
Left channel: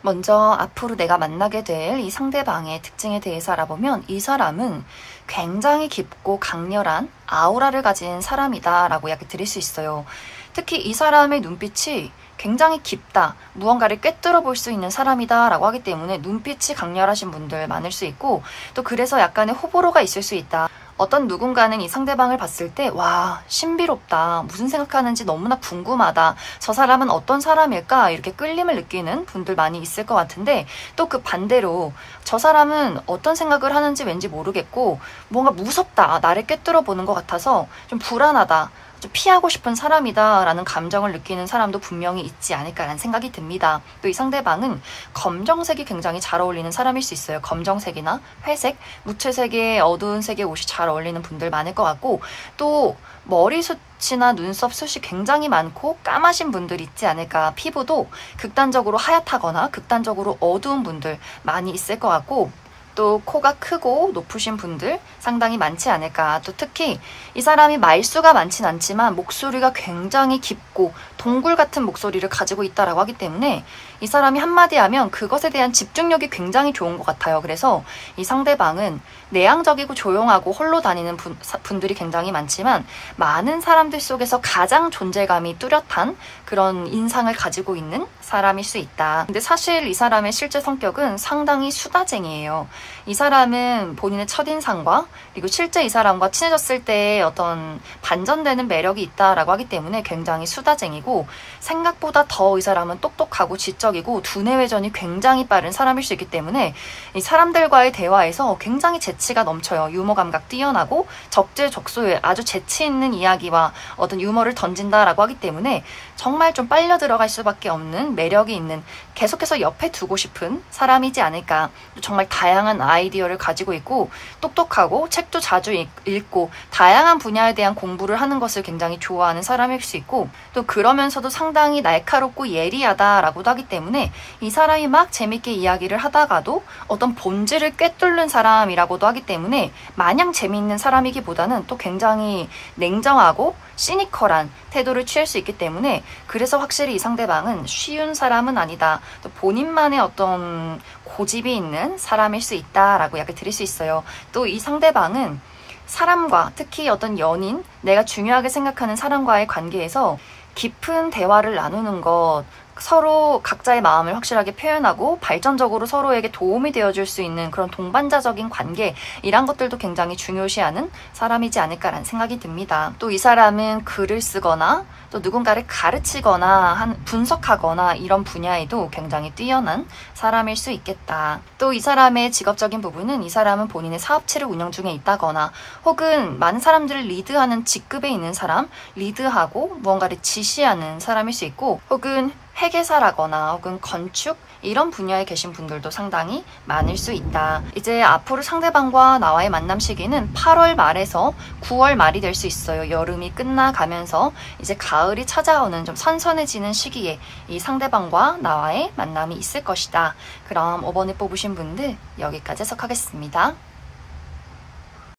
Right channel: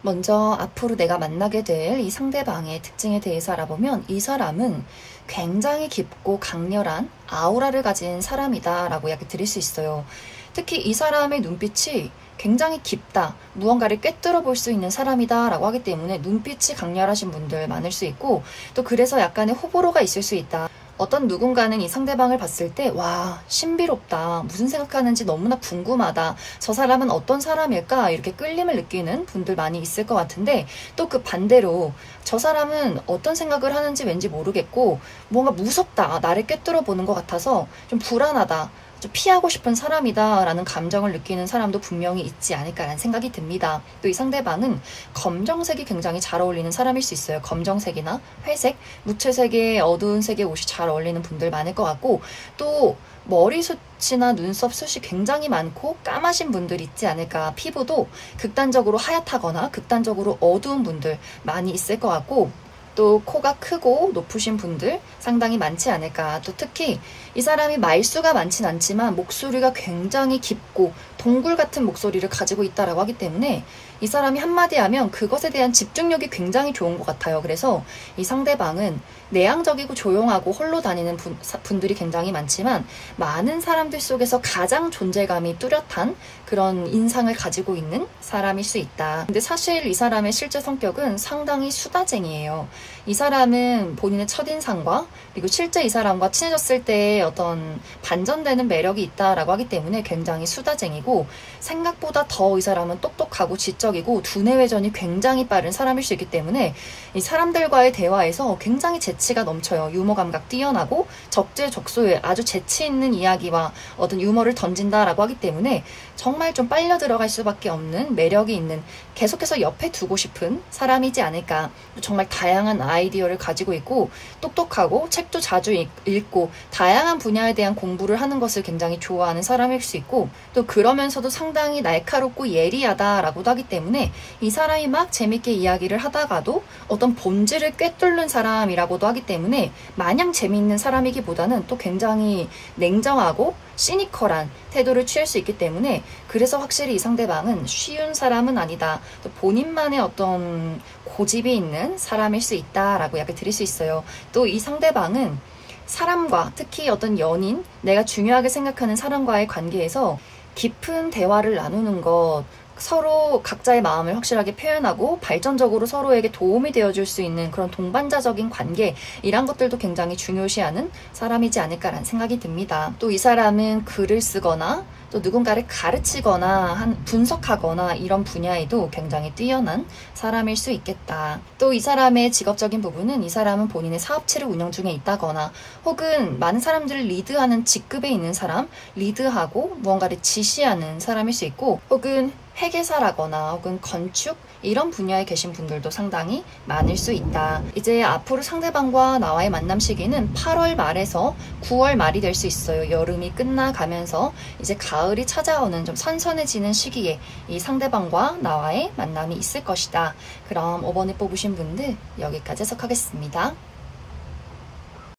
먼저 앞으로 내가 만나게 될 이 상대방의 특징에 대해서 알아보면 이 사람은 굉장히 깊고 강렬한 아우라를 가진 사람이다 라고 이야기 드릴 수 있어요. 특히 이 사람의 눈빛이 굉장히 깊다, 무언가를 꿰뚫어 볼 수 있는 사람이다 라고 하기 때문에 눈빛이 강렬하신 분들 많을 수 있고, 또 그래서 약간의 호불호가 있을 수 있다. 어떤 누군가는 이 상대방을 봤을 때 와, 신비롭다, 무슨 생각하는지 너무나 궁금하다, 저 사람은 어떤 사람일까, 이렇게 끌림을 느끼는 분들 많이 있을 것 같은데, 또 그 반대로 저 사람은 어떤 생각을 하는지 왠지 모르겠고 뭔가 무섭다, 나를 꿰뚫어 보는 것 같아서 좀 불안하다, 좀 피하고 싶은 사람이다 라는 감정을 느끼는 사람도 분명히 있지 않을까라는 생각이 듭니다. 또 이 상대방은 검정색이 굉장히 잘 어울리는 사람일 수 있어요. 검정색이나 회색, 무채색의 어두운 색의 옷이 잘 어울리는 분들 많을 것 같고, 또 머리숱이나 눈썹 숱이 굉장히 많고 까마신 분들이 있지 않을까. 피부도 극단적으로 하얗다거나 극단적으로 어두운 분들 많이 있을 것 같고, 또 코가 크고 높으신 분들 상당히 많지 않을까. 또 특히 이 사람이 말수가 많진 않지만 목소리가 굉장히 깊고 동굴 같은 목소리를 가지고 있다라고 하기 때문에 이 사람이 한마디 하면 그것에 대한 집중력이 굉장히 좋은 것 같아요. 그래서 이 상대방은 내향적이고 조용하고 홀로 다니는 분들이 굉장히 많지만 많은 사람들 속에서 가장 존재감이 뚜렷한 그런 인상을 가지고 있는 사람일 수 있다. 근데 사실 이 사람의 실제 성격은 상당히 수다쟁이에요. 이 사람은 본인의 첫인상과 그리고 실제 이 사람과 친해졌을 때 어떤 반전되는 매력이 있다라고 하기 때문에 굉장히 수다쟁이고, 생각보다 더 이 사람은 똑똑하고 지적이고 두뇌 회전이 굉장히 빠른 사람일 수 있기 때문에 이 사람들과의 대화에서 굉장히 재치가 넘쳐요. 유머 감각 뛰어나고 적재적소에 아주 재치 있는 이야기와 어떤 유머를 던진다라고 하기 때문에 정말 좀 빨려 들어갈 수밖에 없는 매력이 있는, 계속해서 옆에 두고 싶은 사람이지 않을까. 정말 다양한 아이디어를 가지고 있고 똑똑하고 좋아하고 책도 자주 읽고 다양한 분야에 대한 공부를 하는 것을 굉장히 좋아하는 사람일 수 있고, 또 그러면서도 상당히 날카롭고 예리하다라고도 하기 때문에 이 사람이 막 재밌게 이야기를 하다가도 어떤 본질을 꿰뚫는 사람이라고도 하기 때문에 마냥 재미있는 사람이기보다는 또 굉장히 냉정하고 시니컬한 태도를 취할 수 있기 때문에, 그래서 확실히 이 상대방은 쉬운 사람은 아니다, 또 본인만의 어떤 고집이 있는 사람일 수 있다라고 이야기 드릴 수 있어요. 또 이 상대방은 사람과, 특히 어떤 연인, 내가 중요하게 생각하는 사람과의 관계에서 깊은 대화를 나누는 것, 서로 각자의 마음을 확실하게 표현하고 발전적으로 서로에게 도움이 되어줄 수 있는 그런 동반자적인 관계, 이런 것들도 굉장히 중요시하는 사람이지 않을까라는 생각이 듭니다. 또 이 사람은 글을 쓰거나 또 누군가를 가르치거나 분석하거나 이런 분야에도 굉장히 뛰어난 사람일 수 있겠다. 또 이 사람의 직업적인 부분은, 이 사람은 본인의 사업체를 운영 중에 있다거나 혹은 많은 사람들을 리드하는 직급에 있는 사람, 리드하고 무언가를 지시하는 사람일 수 있고, 혹은 회계사라거나 혹은 건축, 이런 분야에 계신 분들도 상당히 많을 수 있다. 이제 앞으로 상대방과 나와의 만남 시기는 8월 말에서 9월 말이 될 수 있어요. 여름이 끝나가면서 이제 가을이 찾아오는 좀 선선해지는 시기에 이 상대방과 나와의 만남이 있을 것이다. 그럼 5번을 뽑으신 분들 여기까지 해석하겠습니다.